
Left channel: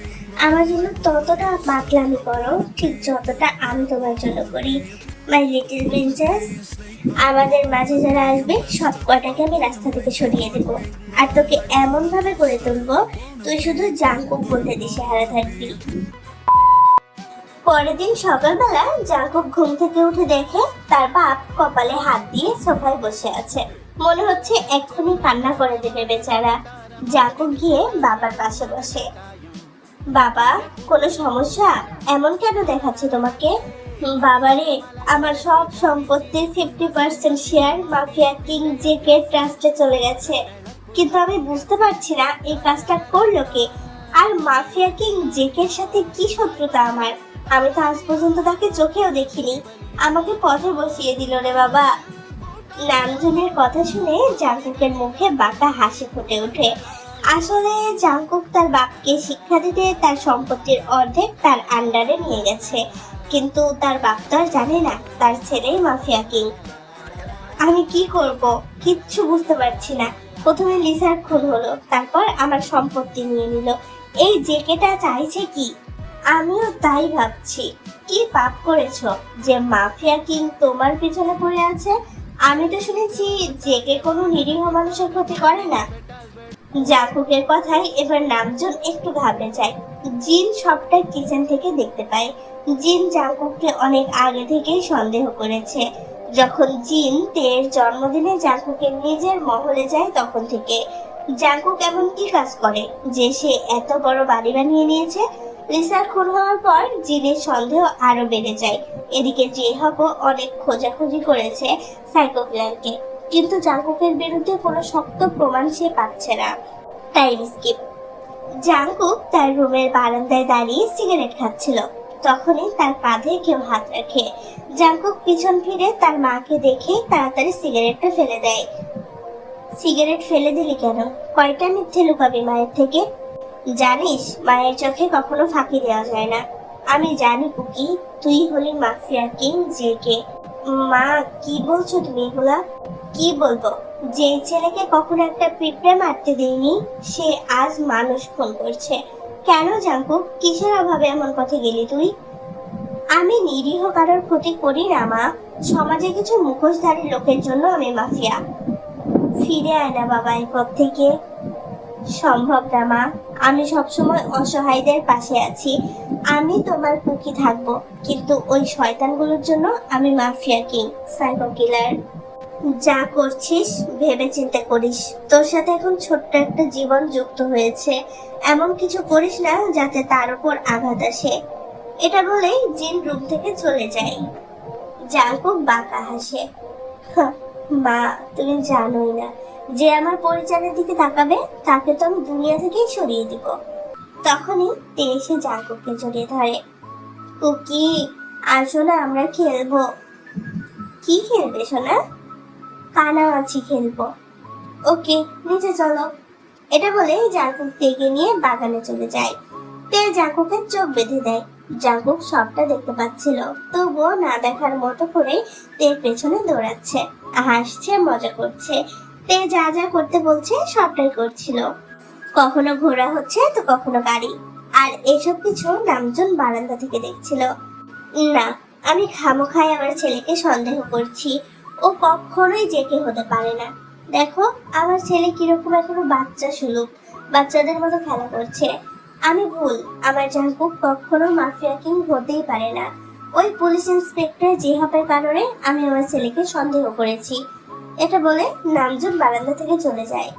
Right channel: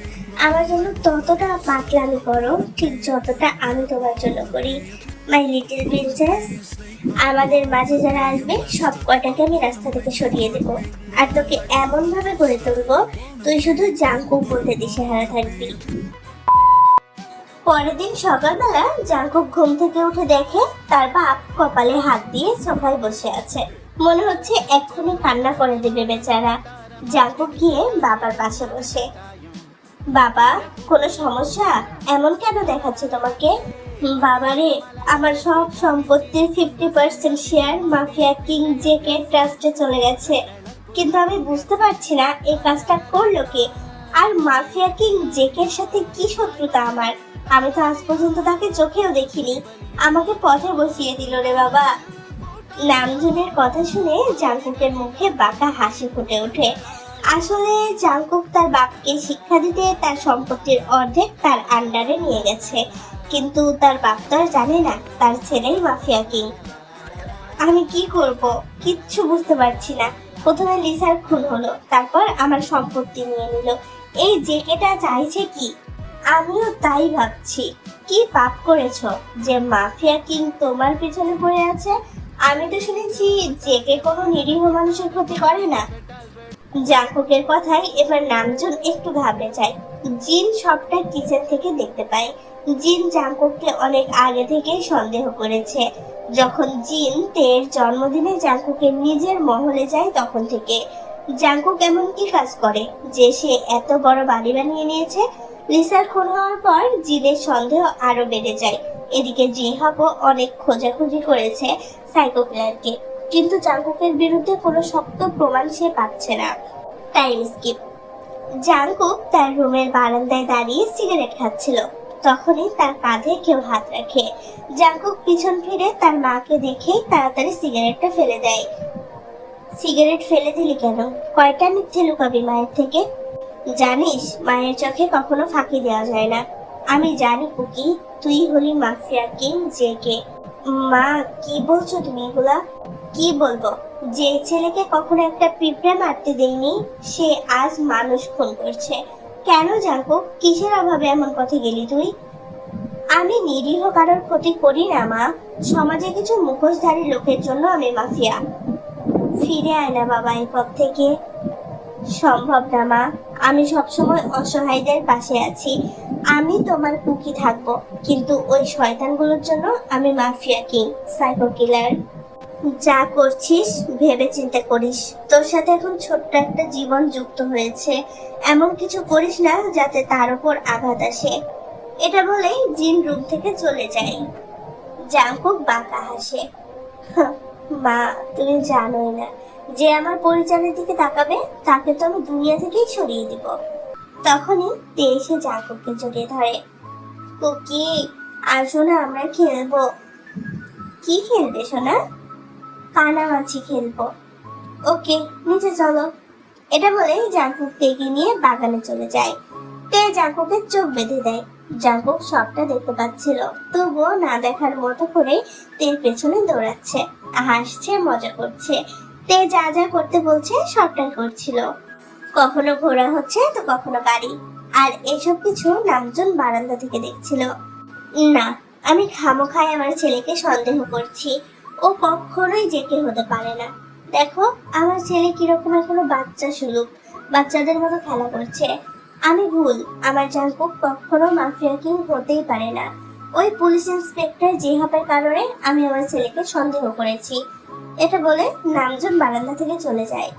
আমার জন্য ততটা পাগলামি করো ঠিক যতটা আমি তোমার জন্য করি। মাই লিটল প্রিন্সেস, আমাদের মাঝে যারা আসবে সব কটাকে আমি রাস্তা থেকে সরিয়ে দেব, আর তোকে এমন ভাবে করে তুলবো তুই শুধু জাঙ্কুক বলতে দিশেহারা থাকবি। পরের দিন সকালবেলা জাঙ্কুক ঘুম থেকে উঠে দেখে তার বাপ কপালে হাত দিয়ে সোফায় বসে আছে। মনে হচ্ছে এক্ষুনি কান্না করে দেবে বেচারা। জাঙ্কুক গিয়ে বাবার পাশে বসে, বাবা কোনো সমস্যা? এমন কেন দেখাচ্ছে তোমাকে? বাবারে, আমার সব সম্পত্তির 50% শেয়ার মাফিয়া কিং জেকে ট্রাস্টে চলে গেছে, কিন্তু আমি বুঝতে পারছি না এই কাজটা করলো কে, আর মাফিয়া কিং জেকের সাথে কি শত্রুতা আমার? আমি তো আজ পর্যন্ত তাকে চোখেও দেখিনি, আমাকে পথে বসিয়ে দিল রে বাবা। নামজনের কথা শুনে জাঙ্কুকের মুখে বাঁকা হাসি ফুটে ওঠে। আসলে জাঙ্কুক তার বাপকে শিক্ষা দিতে তার সম্পত্তির অর্ধেক তার আন্ডারে নিয়ে গেছে, কিন্তু তার বাপ তো আর জানে না তার ছেলেই মাফিয়া কিং। আমি কি করব কিচ্ছু বুঝতে পারছি না। প্রথমে লিসার খুন হলো, তারপর আমার সম্পত্তি নিয়ে নিল। এই জেকেটা চাইছে কি? আমিও তাই ভাবছি, কি পাপ করেছো যে মাফিয়া কিং তোমার পিছনে পড়ে আছে? আমি তো শুনেছি জেকে কোনো নিরীহ মানুষের ক্ষতি করে না। জাঙ্কুকের কথাই এবার নামজন একটু ঘাবড়ে যায়। জিন সবটা কিচেন থেকে দেখতে পায়। জিন জাঙ্কুককে অনেক আগে থেকেই সন্দেহ করেছে। যখন জিন তের জন্মদিনে জাঙ্কুকের নিজের মহলে যায় তখন থেকে। জাঙ্কুক এমন কি কাজ করে যে সে এত বড় বাড়ি বানিয়ে নিয়েছে? লিসার খুন হওয়ার পর জিনের সন্দেহ আরো বেড়ে যায়। এদিকে জিহাবও অনেক খোঁজাখুঁজি করেছে সাইকো কিলারকে, কিন্তু জাঙ্কুকের বিরুদ্ধে কোনো শক্ত প্রমাণ সে পাচ্ছে না। Time skip. জাঙ্কুক তার রুমের বারান্দায় দাঁড়িয়ে সিগারেট খাচ্ছিল, তখনই তার কাঁধে কেউ হাত রাখে। জাঙ্কুক পিছন ফিরে তার মাকে দেখে তাড়াতাড়ি সিগারেটটা ফেলে দেয়। সিগারেট ফেলে দিলি কেন? কয়টা মিথ্যে লুকাবি মায়ের থেকে? জানিস মায়ের চোখে কখনো ফাঁকি দেওয়া যায় না। আমি জানি কুকি, তুই হলি মাফিয়া কিং জেকে। মা, কি বলছো তুমি এগুলা? কি বলবো? যে ছেলেকে কখনো একটা পিঁপড়ে মারতে দেয়নি সে আজ মানুষ খুন করছে। কেন জাঙ্কুক, কিসের অভাবে এমন কথা গেলি তুই? আমি নিরীহ কারোর ক্ষতি করি না মা, সমাজে কিছু মুখোশধারী লোকের জন্য আমি মাফিয়া। ফিরে আয় না বাবা এই পথ থেকে। সম্ভব না মা, আমি সবসময় অসহায়দের পাশে আছি। আমি তোমার কুকি থাকবো, কিন্তু ওই শয়তানগুলোর জন্য আমি মাফিয়া কিং, সাইকো কিলার। যা করছিস ভেবে চিন্তা করিস, তোর সাথে এখন ছোট্ট একটা জীবন যুক্ত হয়েছে, এমন কিছু করিস না যাতে তার উপর আঘাত আসে। এটা বলেই জিন রুম থেকে চলে যায়। জাঙ্কুক বাঁকা হাসে, মা তুমি জানোই না, যে আমার পরিচারের দিকে তাকাবে তাকে তো আমি দুনিয়া থেকেই সরিয়ে দিব। তখনই তে এসে জাঙ্কুককে জড়িয়ে ধরে। কুকি, আসো না আমরা খেলবো। কি খেলবে সোনা? কানামাছি খেলবো। ওকে, নিচে চলো। এটা বলে জাঙ্কুক তেকে নিয়ে বাগানে চলে যায়। তে জাঙ্কুকের চোখ বেঁধে দেয়। জাঙ্কুক সবটা দেখতে পাচ্ছিল, তবুও না দেখার মতো করে তের পেছনে দৌড়াচ্ছে, হাসছে, মজা করছে। তে যা যা করতে বলছে সবটাই করছিল। কখনো ঘোড়া হচ্ছে তো কখনো গাড়ি, আর এসব কিছু নামজন বারান্দা থেকে দেখছিল। না, আমি খামোখায় আমার ছেলেকে সন্দেহ করছি। ও কখনোই জেকে হতে পারে না। দেখো আমার ছেলে কিরকম এখনো বাচ্চা সুলুক, বাচ্চাদের মতো খেলা করছে। আমি ভুল, আমার জাঙ্কুক কখনো মাফিয়া কিং হতেই পারে না। ওই পুলিশ ইন্সপেক্টর জিহাবের কারণে আমি আমার ছেলেকে সন্দেহ করেছি। এটা বলে নামজন বারান্দা থেকে চলে যায়।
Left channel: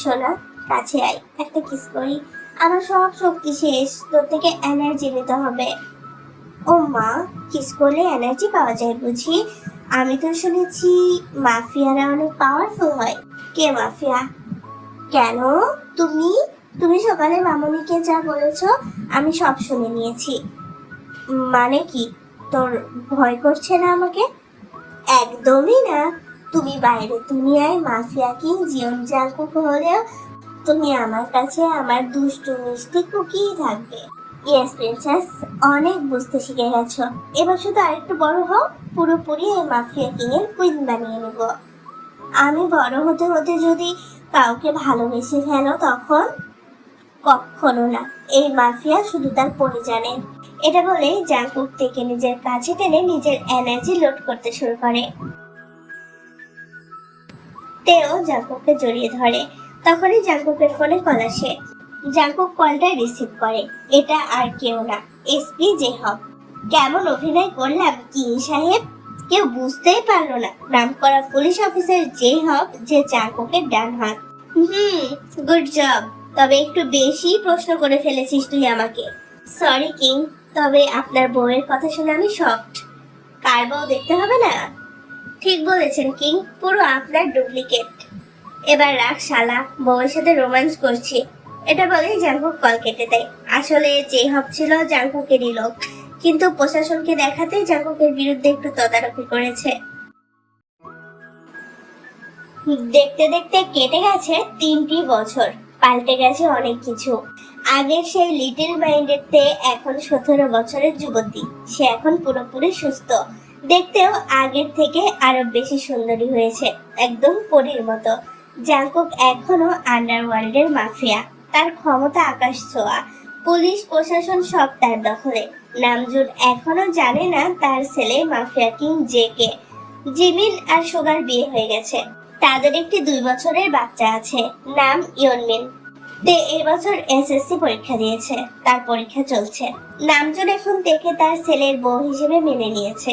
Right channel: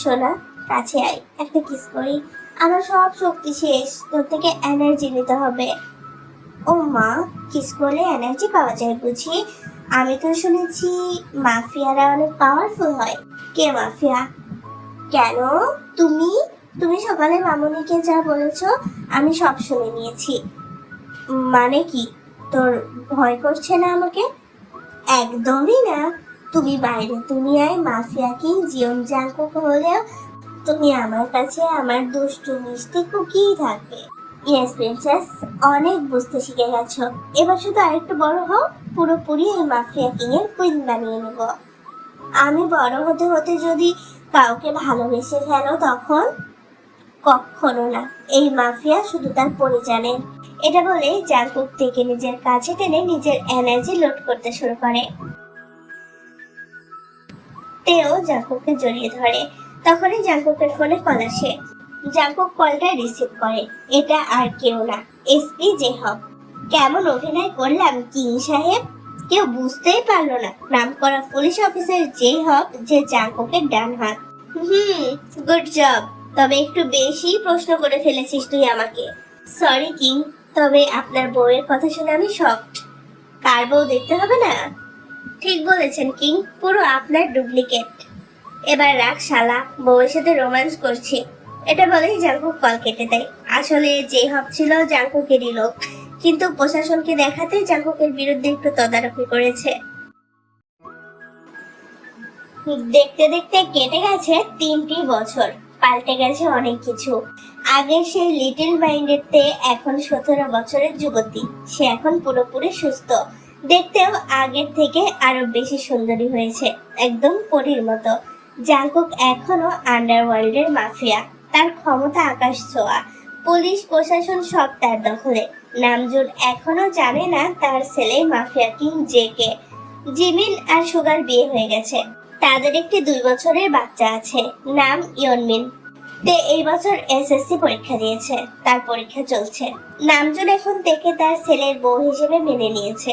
সোনা, কাছে আয়, একটা কিস করি। আমার সব শক্তি শেষ, তোর থেকে এনার্জি নিতে হবে। ও মা, কিস করলে এনার্জি পাওয়া যায় বুঝি? আমি তো শুনেছি মাফিয়ারা অনেক পাওয়ারফুল হয়। কে মাফিয়া? কেন? তুমি তুমি সকালে মামুনিকে যা বলেছ আমি সব শুনে নিয়েছি। মানে কি? তোর ভয় করছে না আমাকে? একদমই না। তুমি বাইরের দুনিয়ায় মাফিয়া কিং জিয়ন জাংকুক হলেও তুমি আমার কাছে আমার দুষ্টু মিষ্টি কুকিই থাকবে। ইয়েস প্রিন্সেস, অনেক বুঝতে শিখে গেছো। এবার শুধু আরেকটু বড় হও, পুরোপুরি এই মাফিয়া কিং এর কুইন বানিয়ে নিব। আমি বড় হতে হতে যদি কাউকে ভালোবেসে ফেলো তখন? কখনো না। এই মাফিয়া শুধু তার পরিজানে। এটা বলেই জাংকুক থেকে নিজের কাছে টেনে নিজের এনার্জি লোড করতে শুরু করে। তেও জাংকুককে জড়িয়ে ধরে। তখনই জাংকুকের ফোনে কল আসে। জাংকুক কলটা রিসিভ করে। এটা আর কেউ না, এসপি জেহব। কেমন অভিনয় করলাম কিং সাহেব! কেউ বুঝতেই পারলো না নামকরা পুলিশ অফিসার জেহব যে জাংকুকের ডান হাত। Good job. তবে একটু বেশি প্রশ্ন করে ফেলেছিস তুই আমাকে। সরি কিং, তবে আপনার বউয়ের কথা শুনে আমি শকড। কার বউ দেখতে হবে না? ঠিক বলেছেন কিং, পুরো আপনার ডুপ্লিকেট। এবার রাখ শালা, বউয়ের সাথে রোম্যান্স করছি। এটা বলেই জাংকুক কল কেটে দেয়। আসলে জেহব ছিল জাংকুকেরই লোক, কিন্তু প্রশাসনকে দেখাতে জাংকুকের বিরুদ্ধে একটু তদারকি করেছে। দেখতে দেখতে কেটে গেছে 3টি বছর। পাল্টে গেছে অনেক কিছু। আগের সেই লিটল মাইন্ডেড তে এখন 17 বছরের যুবতী। সে এখন পুরোপুরি সুস্থ। দেখতেও আগের থেকে আরো বেশি সুন্দরী হয়েছে, একদম পরীর মতো। জাংকুক এখনো আন্ডারওয়ার্ল্ডের মাফিয়া। তার ক্ষমতা আকাশ ছোঁয়া। পুলিশ প্রশাসন সব তার দখলে। নামজুন এখনো জানে না তার ছেলে মাফিয়া কিং জেকে। জিমিন আর সুগার বিয়ে হয়ে গেছে। তাদের একটি 2 বছরের বাচ্চা আছে, নাম ইয়নমিন। তে এই বছর এসএসসি পরীক্ষা দিয়েছে, তার পরীক্ষা চলছে। নামজুন এখন থেকে তার ছেলের বউ হিসেবে মেনে নিয়েছে।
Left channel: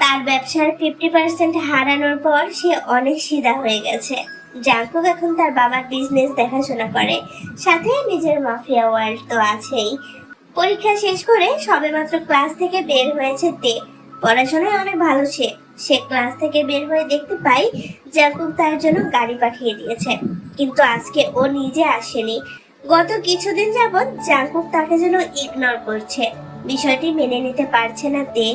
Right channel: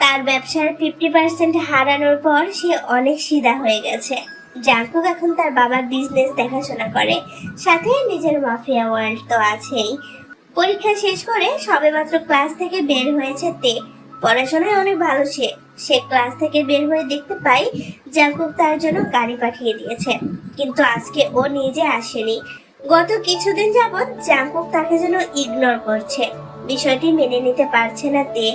তার ব্যবসার 50% হারানোর পর সে অনেক সিধা হয়ে গেছে। জাংকুক এখন তার বাবার বিজনেস দেখাশোনা করে, সাথে নিজের মাফিয়া ওয়ার্ল্ড তো আছেই। পরীক্ষা শেষ করে সবেমাত্র ক্লাস থেকে বের হয়েছে তে। পড়াশোনায় অনেক ভালো সে। সে ক্লাস থেকে বের হয়ে দেখতে পাই জাংকুক তার জন্য গাড়ি পাঠিয়ে দিয়েছে, কিন্তু আজকে ও নিজে আসেনি। গত কিছুদিন যাবৎ জাংকুক তাকে যেন ইগনোর করছে। বিষয়টি মেনে নিতে পারছে না তে।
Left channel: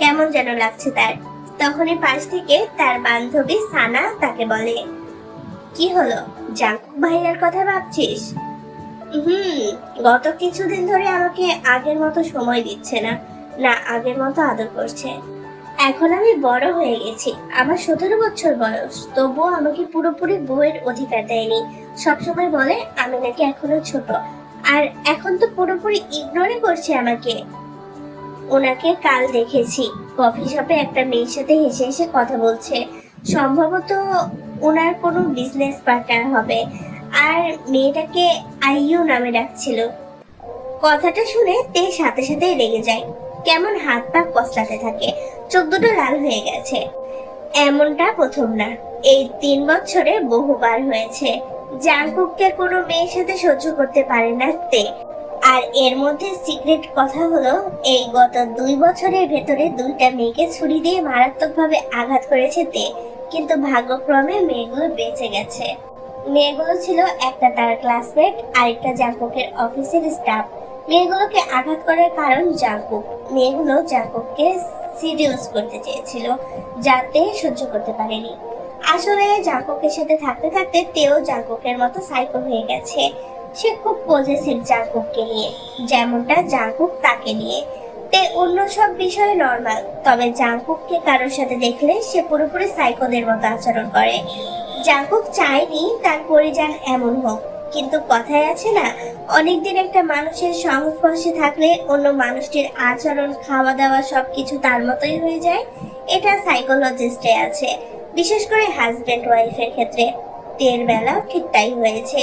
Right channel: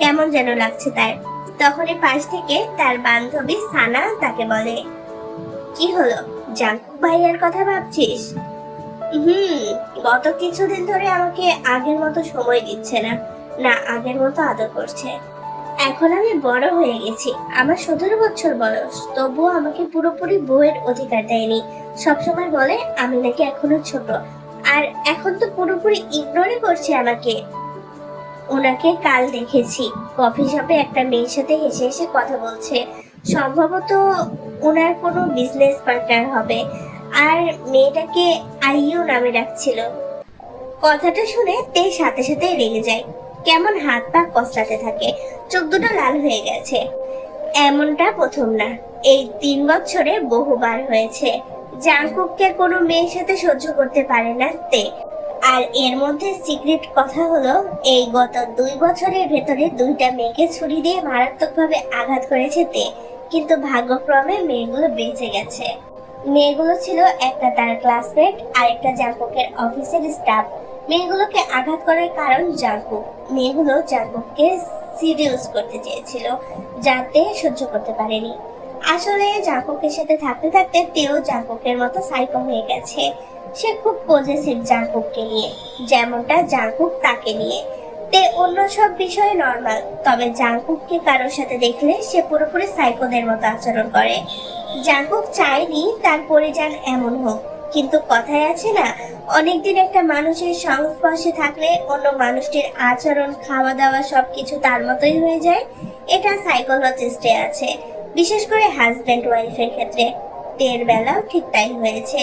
কেমন যেন লাগছে তার। তখনই পাশ থেকে তার বান্ধবী সানা তাকে বলে, কি হলো, জাংকুক ভাইয়ার কথা ভাবছিস? গত কিছুদিন ধরে আমাকে আগের মতো সময় দিচ্ছে না, না আগের মতো আদর করছে। এখন আমি বড় হয়ে গেছি, আমার 17 বছর বয়স, তবুও আমাকে পুরোপুরি বউয়ের অধিকার দেয়নি। সবসময় বলে আমি নাকি এখনো ছোট, আর এখন তো পুরোপুরি ইগনোরই করছে আমাকে। ওনাকে কাল দেখেছি কফি শপে একটা মেয়ের সাথে হেসে হেসে কথা বলছে। সম্ভবত ওনার কোনো বিজনেস পার্টনার হবে, আর মেয়েটাকে আইইউ নামে ডাকছিল। কথাটা শুনে তে সাথে সাথে রেগে যায়। কেমন হাত পা কসলাতে থাকে, চোখ দুটো লাল হয়ে গেছে। এমনটা প্রথম না, এই 3 বছরে বহুবার হয়েছে। জাংকুককে কোনো মেয়ের সাথে সহ্য করতে পারে না তে। আর এর মধ্যে সিক্রেট কথা হলো, এই গত 2 বছরের ভেতরে 2টা মেয়েকে ছুরি দিয়ে মারাত্মকভাবে আঘাত করেছে তে, কিন্তু ভাগ্যক্রমে মেয়েগুলো বেঁচে গেছে। মেয়েগুলো ছিল একটা তার ক্লাসমেট আর একটা জাংকুকের অফিসের স্টাফ। মেয়েগুলোকে আঘাত করার কারণ জাংকুক। মেয়েগুলো জাংকুককে সিডিউস করতে চেয়েছিল, যাতে সহ্য করতে পারেনি। আসলে জাংকুকের সাথে থাকতে থাকতে তেও জাংকুকের মতো সাইকো হয়ে গেছে। সে খুব পজেসিভ জাংকুককে নিয়ে, যেমনটা জাংকুক তাকে নিয়ে। তে অন্য সব বিষয়ে নর্মাল, তবে জাংকুককে কারোর সাথে দেখলে সে পুরোপুরি সাইকোদের মতো আচরণ করে। জাংকুক চায়নি তার পরিজন এমন হোক, কিন্তু কথায় আছে না, অনেকদিন একটা মানুষের সংস্পর্শে থাকলে অন্য মানুষটির আচরণ, খাওয়া দাওয়া সবকিছু তার মতোই হয়ে যায়। এটা সাইকোলজিস্টে আছে, বিশেষ করে হাজবেন্ড ওয়াইফের ক্ষেত্রে। তের বেলাও ঠিক তাই হয়েছে।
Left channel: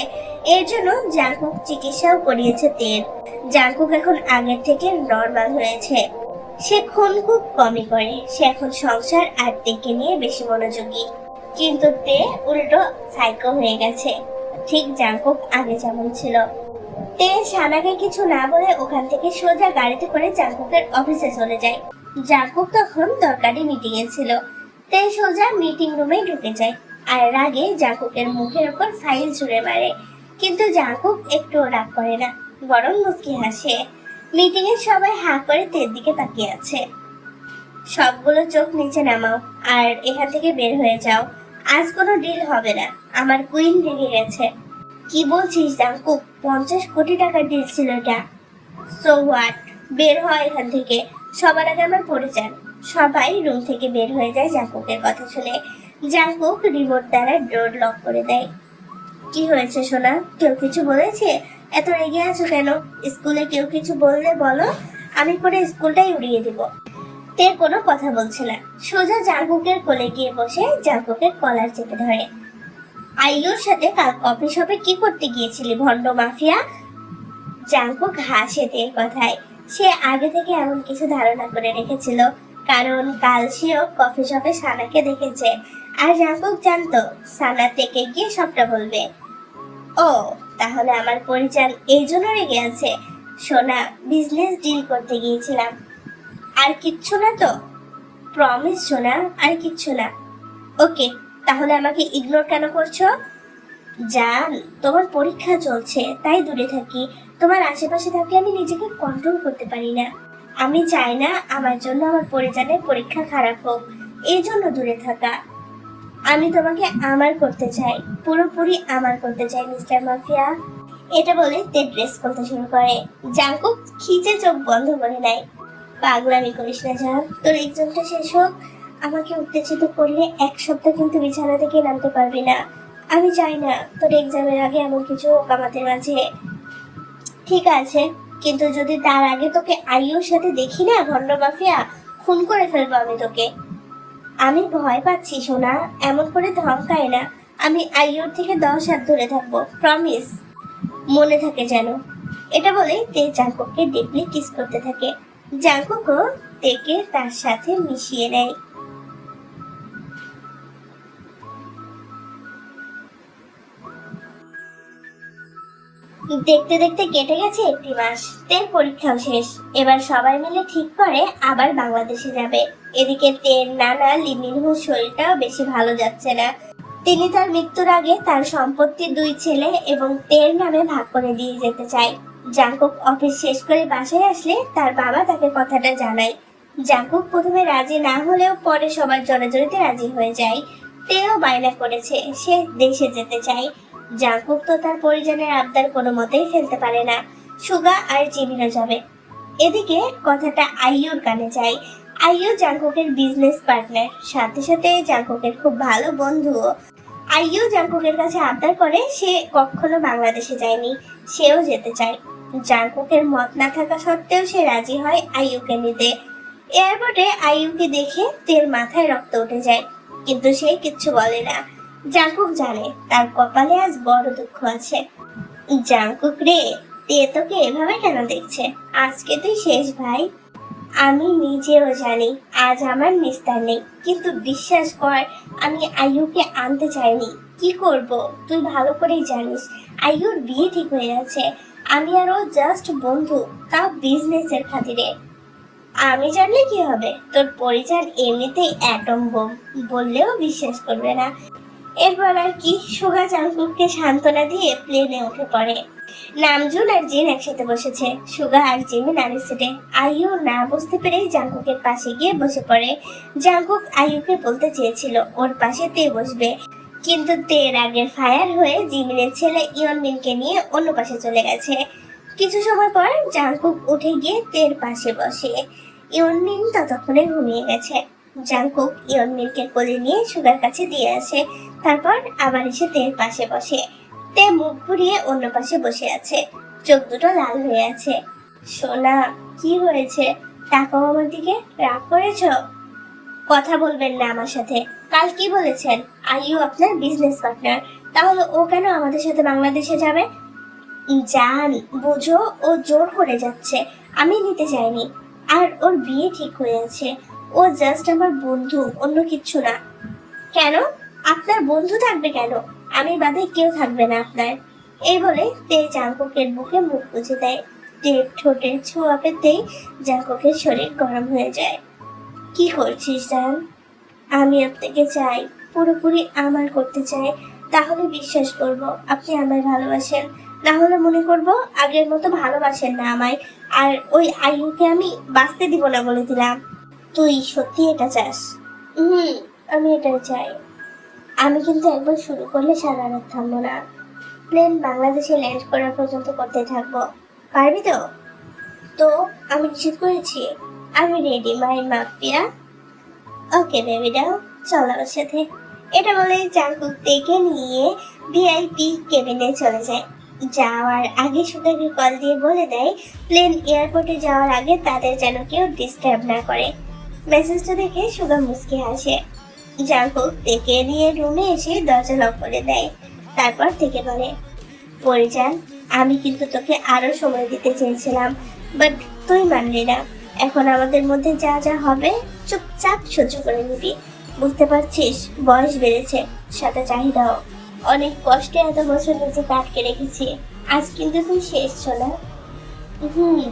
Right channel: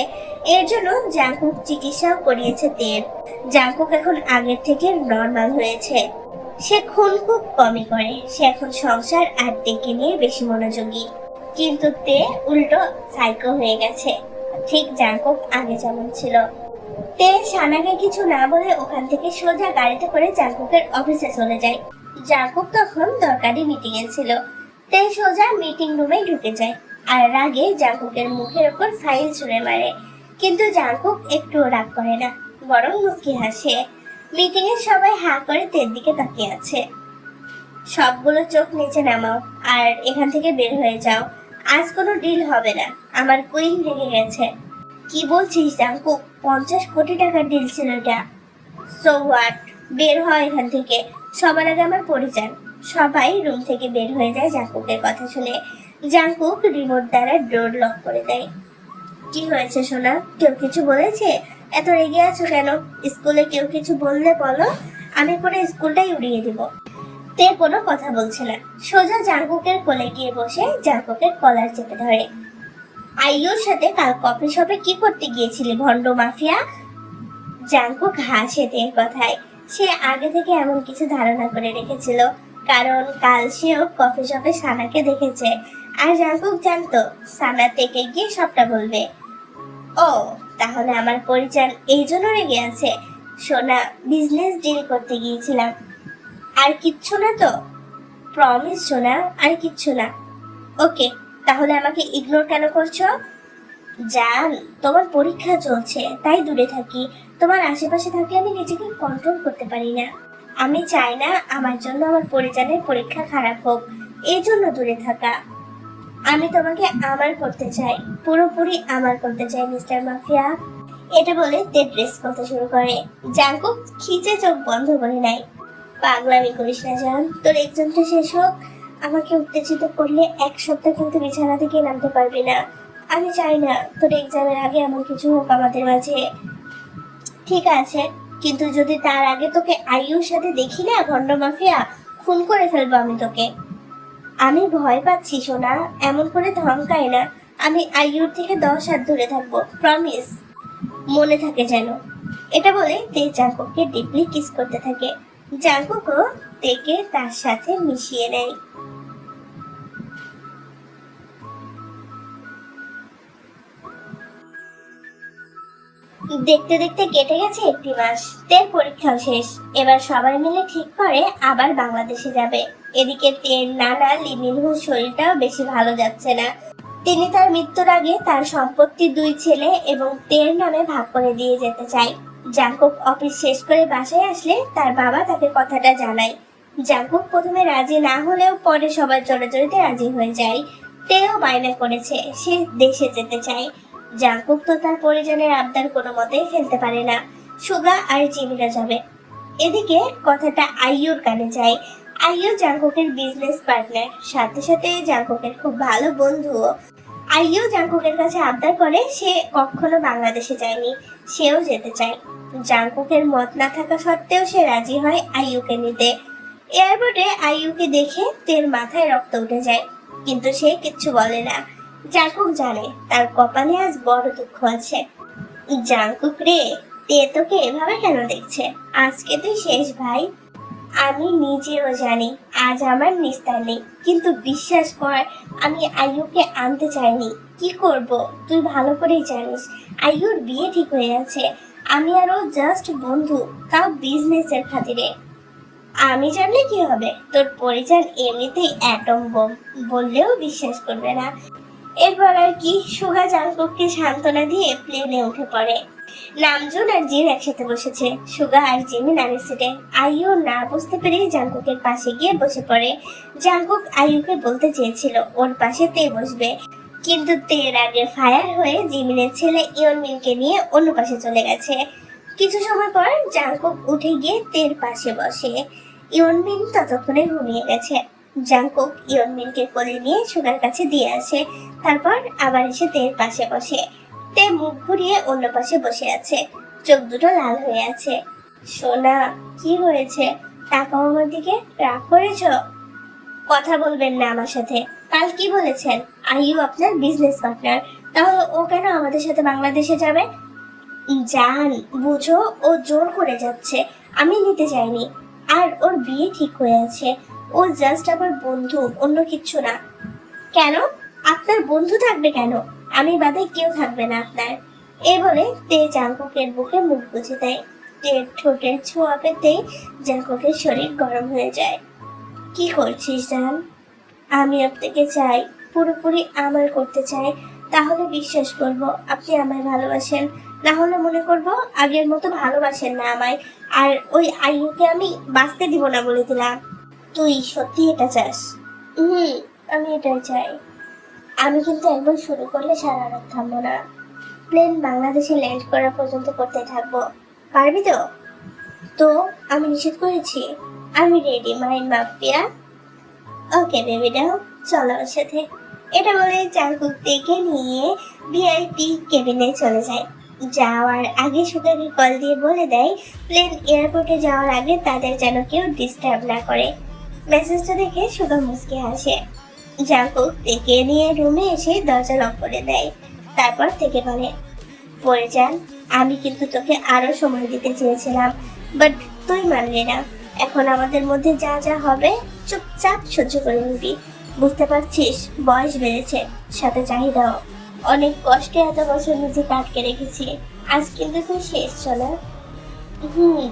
এর জন্য জাংকুক চিকিৎসাও করিয়েছে তের। জাংকুক এখন আগের থেকে নর্মাল হয়েছে। সে খুন খুব কমই করে। সে এখন সংসার আর দিকে নিয়ে বেশি মনোযোগী। কিন্তু তে উল্টো সাইকো হয়ে গেছে, ঠিক জাংকুক আগে যেমন ছিল। তে সানাকে কিছু না বলে ওখান থেকে সোজা গাড়িতে করে জাঙ্কুকের অফিসে চলে যায়। জাঙ্কুক তখন দরকারি মিটিং এ ছিল। তে সোজা মিটিং রুমে ঢুকে যায় আর রাগে জাঙ্কুকের মুখের উপর ফাইল ছুঁড়ে মারে। কিন্তু জাঙ্কুক একটু রাগ করে না, বরং মুচকি হাসে। মিটিং এ সবাই হা করে তের দিকে তাকিয়ে আছে। সবগুলো চোখ নিচে নামাও আর এখান থেকে বের হয়ে যাও। আজ কোনো ডিল হবে না, আমার কুইন রেগে গেছে। কি বলছিস জাঙ্কুক? 50 কোটি টাকার ডিল ছিল এটা। সো হোয়াট, বের হয় এখান থেকে। সবার আগে আমার পরিচয়। সবাই রুম থেকে বের হয়ে যায় জাঙ্কুকের কথা শুনে। জাঙ্কুক রিমোট দ্বারা ডোর লক করে দেয়। কি হয়েছে সোনা? কেউ কিছু বলেছে? এত রেগে আছো কেন? স্কুলে কেউ কিছু বললে বলো, আমি পুরো স্কুলটাই উড়িয়ে দিব। তে কোনো কথা বলছে না, সোজা জাঙ্কুকের কোলে গিয়ে বসে জাঙ্কুকের কলার চেপে ধরে। আইয়ুর সাথে কাল কফি শপে কি করতে গিয়েছিলি ভন্ড মাফিয়া? জাঙ্কুক হাসে তের কথায়। সে আগে থেকে এমন কিছু ধারণা করে রেখেছিল, কারণ কাল সেও কফি শপে সানাকে দেখেছে। আর জাঙ্কুক জানতো সানা তেকে গিয়ে সবটা বলবে। ও, তাহলে আমার পরিচয় এই জন্য রেগে আছে। সোনা, বিজনেস ডিল করতে গিয়েছিলাম। আর কিচ্ছু না তো? প্রমিস সোনা, আর কিচ্ছু না। ওকে, তাহলে আমাকে ইগনোর কেন করছো? জান, তোমার পরীক্ষা চলছে তাই দূরে থাকি। তোমার আশেপাশে থাকলে আমি নিজেকে কন্ট্রোল করতে পারি না। আমি চাই না আমার জন্য আমার পরিজনের পরীক্ষা খারাপ হোক, এই জন্য দূরে থাকা। আমি তোমাকে আমার করতে চাই, পুরোপুরি আমার করতে চাই মিস্টার মাফিয়া। এটা বলে তে ড্রেস করতে শুরু করে। জাঙ্কুক খিচে চোখ বন্ধ করে নেয়। পাগলামি করিস না জান, তোর এক্সামটা শেষ হোক। আমাকে উত্তেজিত করলে 1 সপ্তাহ কিন্তু বিছানা থেকে নামতে পারবি না। আমি চাই না তোর এক্সামের আগে এমন কিছু হোক আমাদের মাঝে। ঠিক আছে, কিন্তু যদি তার আগে তোকে আইয়ুর সাথে দেখি না ভন্ড মাফিয়া, খুন করে ফেলবো আমি তোকে। আমি ভয় পাচ্ছি সোনা, এমন করে ধমকাই না। আমি আইয়ুর থেকে 10 হাত দূরে থাকবো, প্রমিস। মনে থাকে যেন। এটা বলে তে জাঙ্কুককে ডিপলি কিস করতে থাকে। জাঙ্কুকও তেকে তার সাথে মিশিয়ে নেয়। দেখতে দেখতে কেটে গেছে 1 মাস। তের পরীক্ষাও শেষ। এবার সবাই মিলে ঠিক করে আবার বাংলাদেশে যাবে। এদিকে তের নানা লিমিনহুর শরীরটাও বেশি ভালো যাচ্ছে না। তিনি তার মৃত্যুর আগে তার সম্পত্তি 2 ছেলে এবং তের নামে ভাগ করে দিয়ে যেতে চায়। জাঙ্কুক অফিস শেষ করে বাসায় আসলে তার বাবা তাকে কথাটা জানায়। জাঙ্কুক প্রথমে রাজি না হলেও পরে সবার জোরাজোরিতে রাজি হয়ে যায়। তেও বায়না করেছে সে দেশে যেতে চায়। জাঙ্কুক তো তার পরিজনের আবদার কোনো মতেই ফেলতে পারে না। সুগা আর জিমিরা যাবে। এদিকে কথাটা আইয়ুর কানে যায়। আইয়ু জাঙ্কুকের বিজনেস পার্টনার, সাথে সাথে জাঙ্কুকের খুব ভালো বন্ধুও। আইয়ু জাঙ্কুকের কাছে আবদার করে সে কখনো বাংলাদেশে যায়নি, সেও যেতে চায়। জাঙ্কুকের মত না থাকা সত্ত্বেও সে রাজি হয় আইয়ুকে নিতে। এয়ারপোর্টে আইয়ুকে দেখে তের মাথায় রক্ত উঠে যায়, কিন্তু সে কিচ্ছু বলে না। জাঙ্কুক জানে তার কপালে আজ বড় দুঃখ আছে। জাঙ্কুক রে, তে তোকে এভাবে কেন দেখছে? আজকে তুই শেষ ভাই। আমি নিজেও জানি আজ আমার নিস্তার নেই, কিন্তু বিশ্বাস কর আমি আইয়ুকে আনতে চাইনি। কি করব তুই ভালো করেই জানিস। আইয়ুর বিয়ে ঠিক হয়ে আছে। আমি আরো জাস্ট বন্ধু, তাও বিজনেসের খাতিরে। আমি জানলে কি হবে? তোর পরিচয় এমনিতেই অ্যাটম বোম, বললেও বিশ্বাস করবে না। এরপর আর কি, সুগা জাঙ্কুককে সান্ত্বনা দিয়ে প্লেনে উঠে পড়ে। নামজুন আর জিন একসাথে বসেছে। সুগা আর জিমি নামের সিটে। আইয়ু না বুঝতে পেরে জাঙ্কুকের পাশে গিয়ে বসে পড়ে। জাঙ্কুক আইয়ুকে বলতে চেয়েছিল ওর পাশে তে বসবে, কিন্তু তের আগে ফায়ার হয়ে জিমিনের ছেলে ইয়নমিনকে নিয়ে অন্য পাশে চলে গেছে। কিছু সময় পর জাঙ্কুক উঠে গিয়ে তের পাশে বসে। ইয়নমিন ততক্ষণে ঘুমিয়ে গেছে। জাঙ্কুক ইয়নমিনকে কোলে নিয়ে সুগার কাছে দিয়ে আসে, তারপর আবার এসে তের পাশে বসে। তে মুখ ঘুরিয়ে অন্য পাশে বসে আছে, চোখ দুটো লাল হয়ে আছে। সোনা, কি হয়েছে? তাকাও আমার দিকে। রাগ করেছো? কথা বলবেন না আমার সাথে। কাল কি বলেছেন আইয়ু আপনার বিজনেস পার্টনার, তাহলে ও কেন আমাদের সাথে বাংলাদেশে যাবে? জান, বুঝো ও জোর করে যাচ্ছে, আমি নিতে চাইনি। আর ওর বিয়ে ঠিক হয়ে আছে। ও জাস্ট আমার বন্ধু, অন্য কিছু না। কেন? আপনার বন্ধু থাকবে কেন? আমি বাদে কেউ থাকবে না আপনার। এই বলে তে জাঙ্কুকের বুকে মুখ গুজে দেয়। তের ঠোঁটের ছোঁয়া পেতেই জাঙ্কুকের শরীর গরম হয়ে যায়। কি করছিস জান? আমি আপনাকে চাই, পুরোপুরি আমার করতে চাই। তাহলে বিশ্বাস করব আপনি আমায় ভালোবাসেন, না হলে মনে করব আগের মতো ভালোবাসেন না আমায়। আর ওই আইয়ুকে আমি বাঁচতে দিব না বলে দিলাম। তুই সত্যি এটা চাস? আমি এটাই চাই। আমি কিন্তু একবার শুরু করলে সারা রাত থামবো না। প্লেন বাংলাদেশে ল্যান্ড করা পর্যন্ত করতে থাকবো। পারবি তো? তো আমি নিষেধ করেছি? আমি রেডি মাই মাফিয়া। ওকে বেবিটা, চল আমার সাথে। এটা বলে জাঙ্কুক থেকে নিয়ে ভিআইপি কেবিনে চলে যায়। যাওয়ার আগে সুগাকে কল দিয়ে বলে দেয় প্লেন এয়ারপোর্টে যাওয়ার আগে তাদের যেন কেউ ডিস্টার্ব না করে। মেসেজটা দেখে সুগা মুচকি হাসে। জাঙ্কুক থেকে নিয়ে রুমে এসে দরজা লক করে দেয়। তারপর থেকে বলে, পরিজান, আমি কিন্তু তোকে আরো সময় দিতে চেয়েছিলাম, বাট তুই মানলি না। এখন আমাদের মধ্যে যা যা হবে চুপচাপ সহ্য করে নিবি। বুঝতে পারছিস, বয়স বেড়েছে, সাথে চাহিদাও। অনেক কষ্টে এত বছর নিজেকে আটকে রেখেছি, আজ কিন্তু তুই শেষ। চলে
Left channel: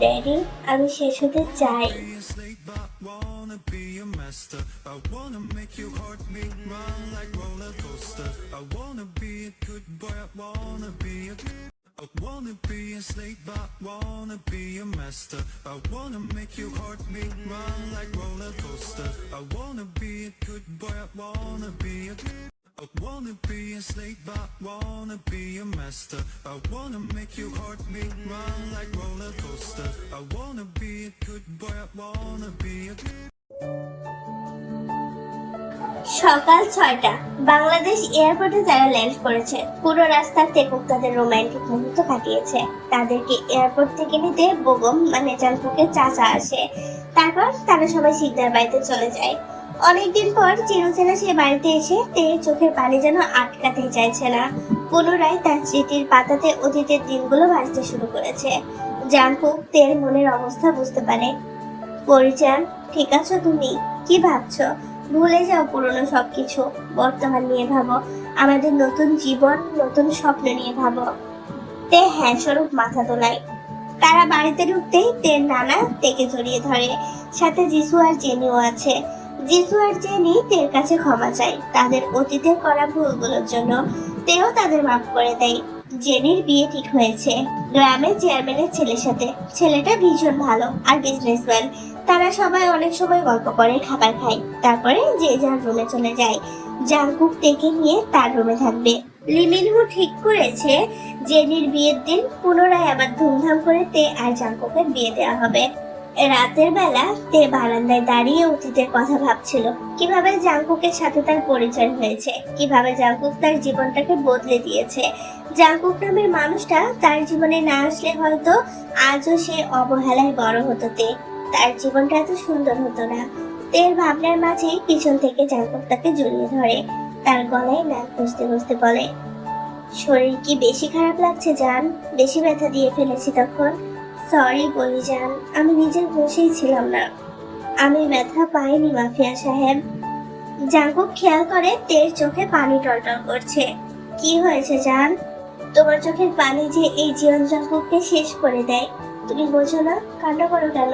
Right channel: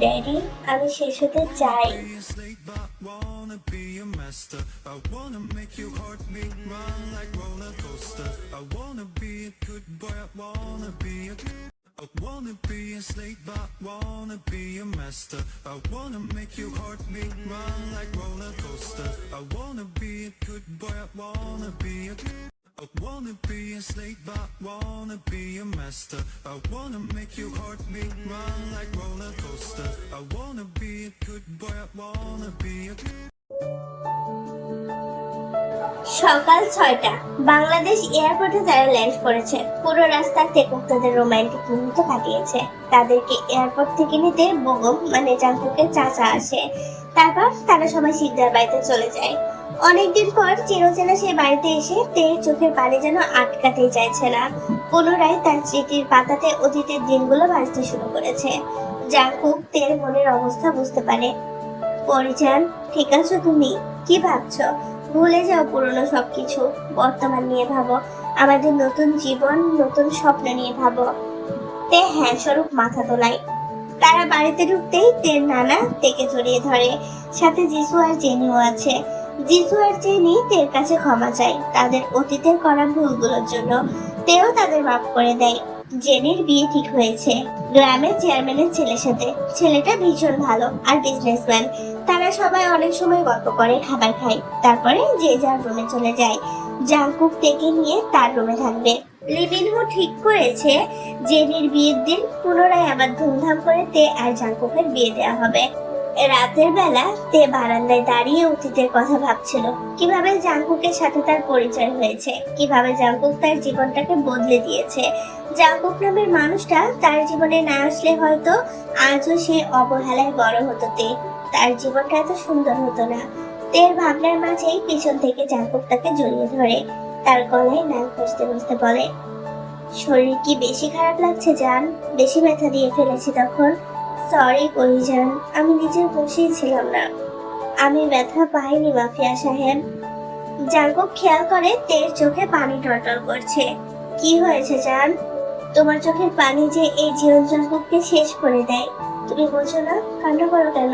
ড্যাডি, আমি শেষ হতে চাই। Be a slave, but wanna be a master. I wanna make your heartbeat run like roller coaster. I wanna be a good boy. I wanna be a slave, but wanna be a master. I wanna make your heartbeat run like roller coaster. I wanna be a good boy. I wanna be a slave, but wanna be a master. I wanna make your heartbeat run like roller coaster. I wanna be a good boy. I wanna be a সকাল 6টা, বাংলাদেশ এয়ারপোর্টে তারা land করেছে। পুরো রাস্তা তেকুক তাদের romantic মুহূর্ত কাটিয়েছে। তাদেরকে এয়ারপোর্ট থেকে নিতে বেগম মানে জাঙ্কুকের চাচা আসে। তারপর তারা সবাই সিকদার বাড়িতে চলে যায়। অনেকদিন পর চিরচেনা সে বাড়িতে এসে তের চোখের পানি যেন আটকাতেই চাইছে না। পুনরায় তার স্মৃতির পাতাতে অতীতের দিনগুলো ভাসতে শুরু করেছে। জাঙ্কুক তের মনের অবস্থা বুঝতে পারে। পরিচান, ঠিক আছো তুমি? কি ভাবছো? ভুলে যাও পুরনো সবকিছু, বর্তমান নিয়ে ভাবো। আমাদের নতুন জীবন, নতুন স্বপ্ন নিয়ে ভাবো। তে হ্যাঁ স্বরূপ মাথা তোলায়। তারা বাড়িতে ঢুকতেই তের নানা তেকে জড়িয়ে ধরে। সাথে জিসু আর জেনিও আছে। জিসু আর জেনি তের কাছে ক্ষমা চায় তাদের অতীতের করা ভুলগুলোর জন্য। তেও তাদের মাফ করে দেয়। জেনির বিয়ে ঠিক হয়েছে গ্রামের চেয়ারম্যানের ছেলের সাথে। ছেলেটা ভীষণ ভালো আর বিজনেসম্যান। তারা সবাই অনেক সময় গল্প করে, খাবার খায়, তারপরে যে যার রুমে চলে যায়। জাঙ্কুক তেকে নিয়ে তার রুমে থাকবে। লিমিনহু ঠিক করেছে জেনির বিয়ের দিন পুনরায় আবার ধুমধাম করে তে আর জাঙ্কুকের বিয়ে দেওয়া হবে। রাতের বেলা তে বারান্দায় দাঁড়িয়ে অতীতের কথা ভাবছিল। কিভাবে জাঙ্কুকের সাথে তার পরিচয় হয়েছে, কিভাবে জাঙ্কুক তার জীবনটাকে বদলে দিয়েছে। জাঙ্কুক নামের মানুষটা তার জীবনে না আসলে হয়তো আজও সে অবহেলায় বড় হতো। তার জীবনটা এত সুন্দর হতো না। তের ভাবনার মাঝেই পিছন থেকে জাঙ্কুক তাকে জড়িয়ে ধরে। তার গলায় নাক ঘষতে ঘষতে বলে, শরীর কি বেশি খারাপ লাগছে জান? বেশি ব্যথা দিয়ে ফেলেছি তখন? সরি পরিজান, আমি নিজের বসেই ছিলাম না। আমি ব্যথা পাইনি মাফিয়া সাহেব। জাঙ্কুক খেয়াল করে তের চোখে পানি টলটল করছে। কি হয়েছে জান? তোমার চোখের পানি যে এই জীবন জাঙ্কুককে শেষ করে দেয়। তুমি বোঝো না? কান্না করো কেন?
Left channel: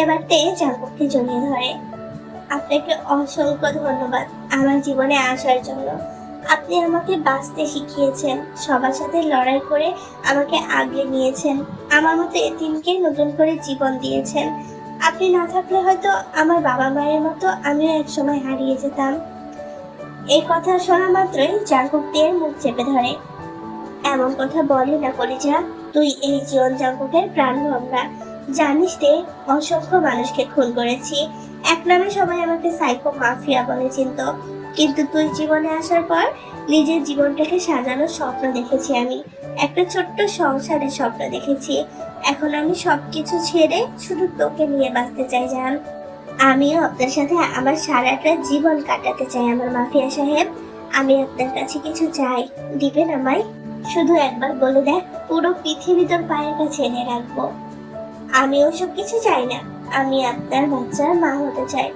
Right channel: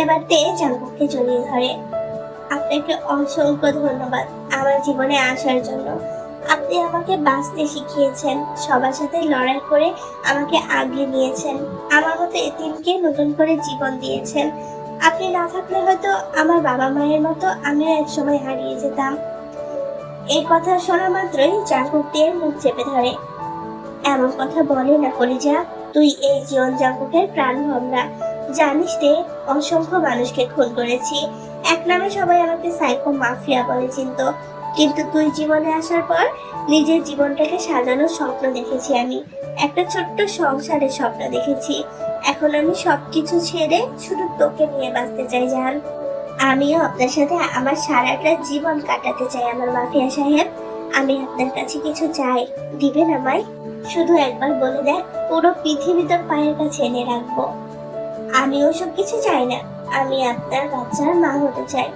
এবার তে জাঙ্কুককে জড়িয়ে ধরে। আপনাকে অসংখ্য ধন্যবাদ আমার জীবনে আসার জন্য। আপনি আমাকে বাঁচতে শিখিয়েছেন, সবার সাথে লড়াই করে আমাকে আগলে নিয়েছেন, আমার মতো এতিমকে নতুন করে জীবন দিয়েছেন। আপনি না থাকলে হয়তো আমার বাবা মায়ের মতো আমিও একসময় হারিয়ে যেতাম। এই কথা শোনা মাত্রই জাঙ্কুক তের মুখ চেপে ধরে। এমন কথা বলে না কলিজা, তুই এই জীবন জাঙ্কুকের প্রাণ ভমরা। জানিস তে, অসংখ্য মানুষকে খুন করেছি। এক নামে সবাই আমাকে সাইকো মাফিয়া বলে চিনতো, কিন্তু তুই জীবনে আসার পর নিজের জীবনটাকে সাজানোর স্বপ্ন দেখেছি আমি। একটা ছোট্ট সংসারের স্বপ্ন দেখেছি। এখন আমি সবকিছু ছেড়ে শুধু তোকে নিয়ে বাঁচতে চাই জান। আমিও আপনার সাথে আমার সারাটা জীবন কাটাতে চাই আমার মাফিয়া সাহেব। আমি আপনার কাছে কিছু চাই, দিবেন আমায়? শুধু একবার বলে দেখ, পুরো পৃথিবী তোর পায়ের কাছে এনে রাখবো। আমি ওসব কিছু চাই না, আমি আপনার বাচ্চার মা হতে চাই।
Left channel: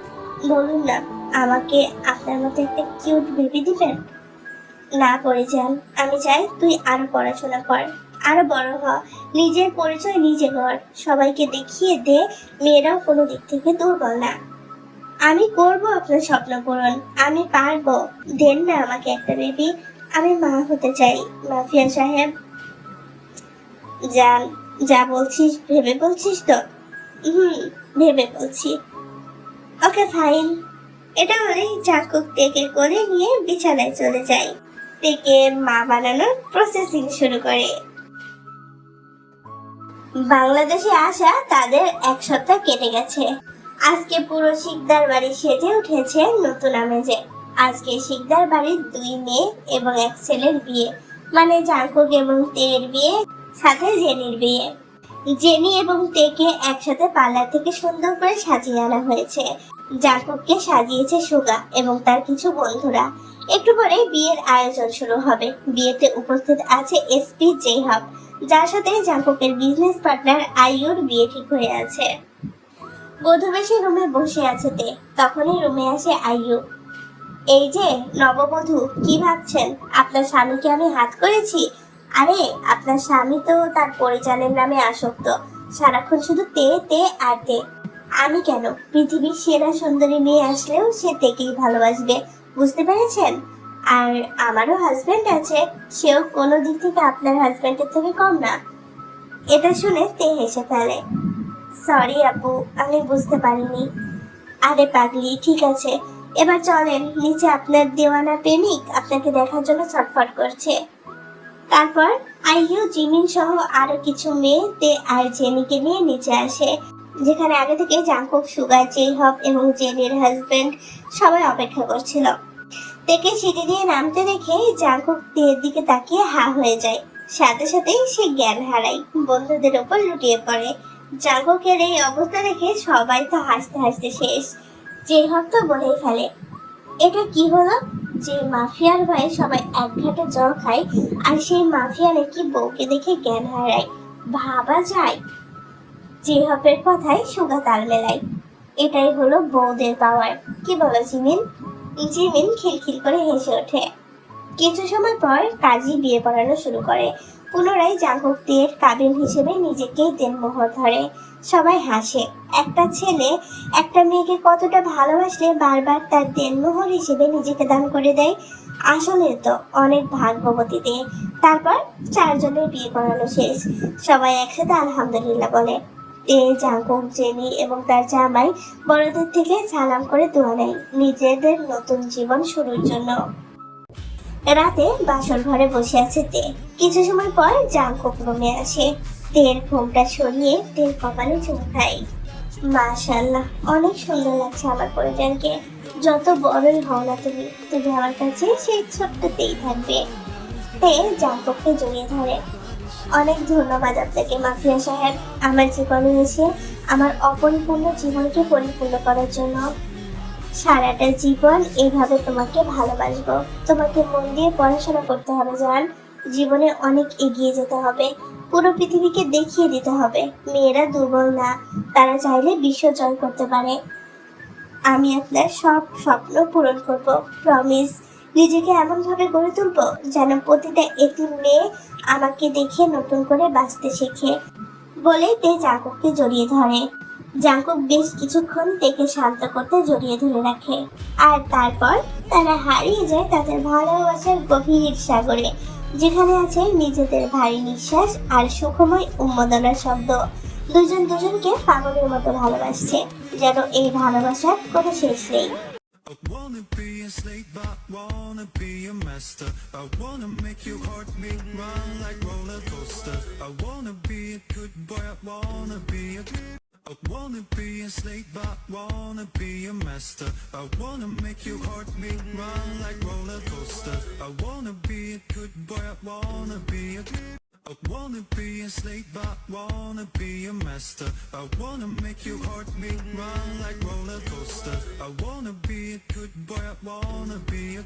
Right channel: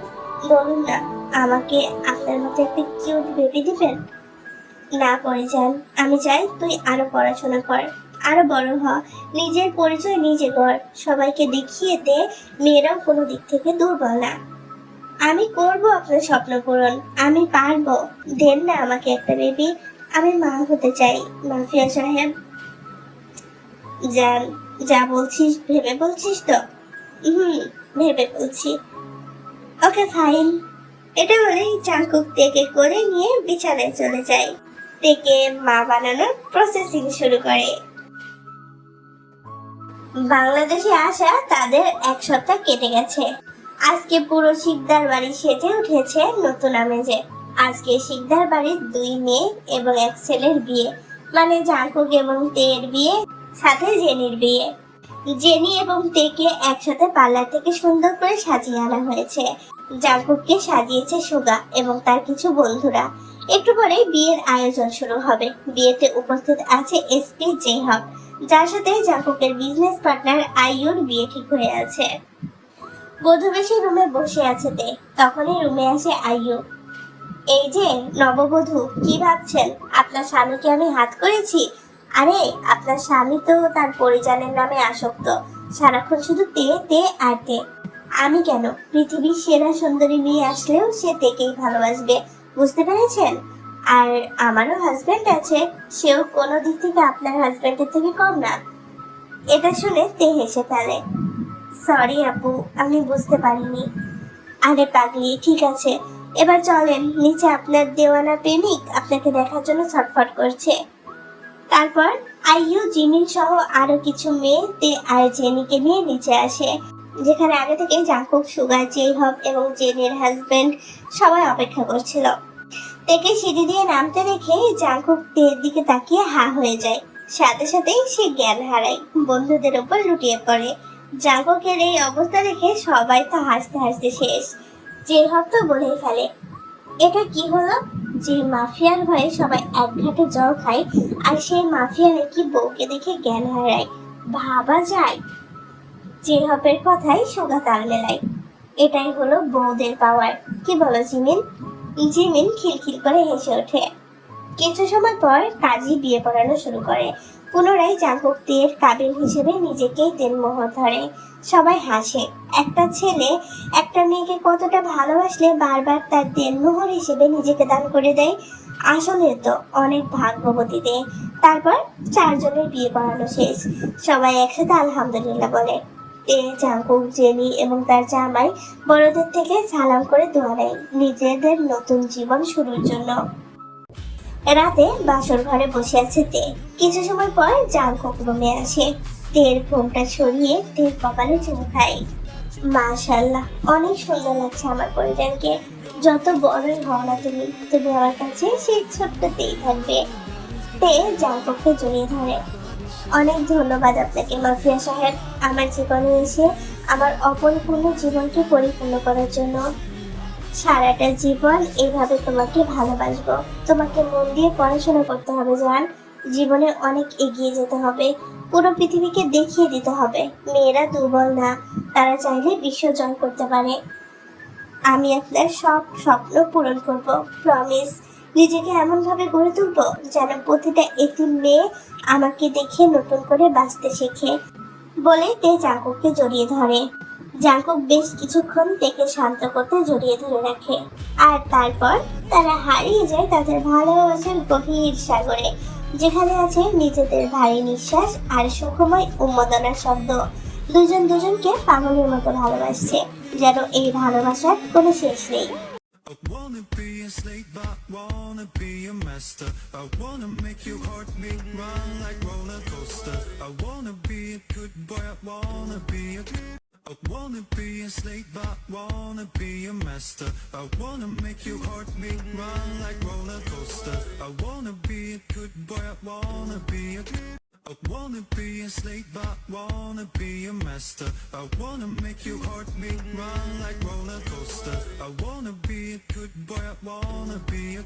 বলুন না, আমাকে আপনার মতো একটা কিউট বেবি দিবেন? না করে যান। আমি চাই তুই আরো পড়াশোনা কর, আরো বড় হ, নিজের পরিচয় নিজে কর, সবাইকে দেখিয়ে দে মেয়েরাও কোনো দিক থেকে দুর্বল না। আমি করব আপনার স্বপ্ন পূরণ, আমি পারবো। দেন না আমাকে একটা বেবি, আমি মা হতে চাই। মাফিয়া সাহেব, জান, যা বলছিস ভেবে বলছিস তো? ভেবে বলছি। Okay fine. এটা বলেই চাঙ্কুক তেকে করে নিয়ে বিছানায় চলে যায়। তেকে মা বানানোর প্রসেসিং শুরু করে। বাংলাদেশে আসা তাদের 1 সপ্তাহ কেটে গেছে। আজকে পুরো শিকদার বাড়ি সেজে উঠেছে নতুন আমেজে। আজকে শিকদার বাড়ির 2 মেয়ে এবং 1 ছেলের বিয়ে, মানে জাঙ্কুক এবং তের বিয়ে, সাথে জেনির বিয়ে। জেনি এবং তেকে একসাথে পার্লার থেকে সুন্দর করে সাজিয়ে আনা হয়েছে। জাঙ্কুককে সাজিয়েছে সুগা এবং তার কিছু বন্ধুরা। একটু পরেই বিয়ের আয়োজন শুরু হবে। বিয়েতে উপস্থিত আছে এসপি জেহাব, যার সাথে জাঙ্কুকের বিজনেস পার্টনার আইয়ুর বিয়ে ঠিক হয়ে আছে। প্রথমে সে রুমে বসে আছে তে, তখনই রুমে আসে আইয়ু। এই যে নববধূ, কি ভাবছেন আপনার স্বামীকে আমি হাত করেছি? আরে আপনার স্বামী তো তার পরিজনের নামে আসক্ত, সারাক্ষণ শুধু তে তে আর তে। আমি কেন? পৃথিবীর সেরা সুন্দরী মেয়ে আসলেও সে তেকেই ভালোবাসবে, বুঝতে পেরেছেন? আর আমারও হাজবেন্ড আছে, সেও কোনো দিক থেকে আপনার হাজবেন্ডের থেকে কম না। এটা শুনে তে হেসে ফেলে। সরি আপু, আমি বুঝতে পারিনি। আরে পাগলি, ঠিক আছে, এবার চলেন নিচে, আপনার দেওয়ানা প্রেমিক আপনাকে দেখার জন্য ছটফট করছে। তারপর আইয়ু, জিমিন সহ আরো কিছু মেয়ে তে আর জেনিকে নিয়ে নিচে আসে, যেখানে আগে থেকে জাঙ্কুক, সুগা, জেহব এবং জেনির হাজবেন্ড সবাই অপেক্ষা করছিল। তেকে সিঁড়ি দিয়ে নামতে দেখে জাঙ্কুক তের দিকে তাকিয়ে হা হয়ে যায়। সাথে সাথেই সে জ্ঞান হারায়, বন্ধুদের উপর লুটিয়ে পড়ে। জাঙ্কুকের এই অবস্থা দেখে সবাই তো হাসতে হাসতে শেষ। জেহব তো বলেই ফেলে, এটা কি হলো? যে মাফিয়ার ভয়ে সবাই এক ঘাটে জল খায়, আর সেই মাফিয়া নাকি বউকে দেখে জ্ঞান হারায়, ভাবা যায়? জেহবের কথাই সুগা তাল মেলায়। এটাই হলো বউদের পাওয়ার, কি বলো জিমিন? জিমিন খিলখিল করে হেসে ওঠে। কিছু সময় পর কাজী বিয়ে পড়ানো শুরু করে। পুনরায় জাঙ্কুক তের কাবিন হিসেবে নিজেকেই দেনমোহর ধরে। সবাই হাসে। একটা ছেলে একটা মেয়েকে কতটা ভালোবাসলে বারবার তার দেনমোহর হিসেবে নিজেকে দান করে দেয়। আসলে তো অনেক ভাগ্যবতীতে। তারপর 4 জনের বিয়ে পড়ানো শেষ। সবাই একসাথে আলহামদুলিল্লাহ বলে। তে, জাঙ্কুক, জেনি এবং তার জামাই বড়দের থেকে সালাম করে দোয়া নেয় নিজেদের নতুন জীবন শুরুর জন্য। রাতে বাসর ঘরে বসে আছে তে। কিছু সময় পর জাঙ্কুক রুমে আসে। তের ঘোমটা সরিয়ে তের কপালে চুমু খায়। মাশাআল্লাহ, অনেক সুন্দর লাগছে আমার পরিজনকে। যত বড়ই হও না তুমি, তুমি আমার কাছে সেই ছোট্টতেই থাকবে। তে জাঙ্কুককে জড়িয়ে ধরে। অনেক ধন্যবাদ আপনাকে মাফিয়া সাহেব, আমার জীবনে এসে আমার অপরিপূর্ণ জীবনকে পরিপূর্ণ করার জন্য। সারাটা জীবন এভাবে তোমাকে ভালোবাসবো। তোমাকে মন দিয়ে পড়াশোনা করতে হবে জান, জীবনে অনেক এগিয়ে যেতে হবে, পুরো পৃথিবীকে দেখিয়ে দিতে হবে মেয়েরা দুর্বল না, তারা চাইলে বিশ্ব জয় করতে পারে। আমি আপনার সব স্বপ্ন পূরণ করব, প্রমিস। নিজেকে এমন ভাবে গড়ে তুলবো যেন প্রতিটা একটি মেয়ে আমাকে দেখে নতুন করে বাঁচতে শেখে। বলে তে জাঙ্কুককে জড়িয়ে ধরে। জাঙ্কুক বেশ কিছুক্ষণ তেকে শান্ত করতে জড়িয়ে ধরে রাখে, আর তারপর তারা হারিয়ে যায় তাদের ভালোবাসার গভীর সাগরে, যেখানে আছে নিজেদের ভারী নিঃশ্বাস আর সুখময় উন্মাদনার শব্দ। দুজন দুজনকে পাগলের মতো ভালোবাসছে, যেন এই ভালোবাসার কোনো শেষ নেই। I wanna be a slave, but wanna be a master. I wanna make your heart beat, run like roller coaster. I wanna be a good boy, I wanna be a I wanna be a slave, but wanna be a master. I wanna make your heart beat, run like roller coaster. I wanna be a good boy, I wanna be a I wanna be a slave, but wanna be a master. I wanna make your heart beat, run like roller coaster. I wanna be a good boy, I wanna be a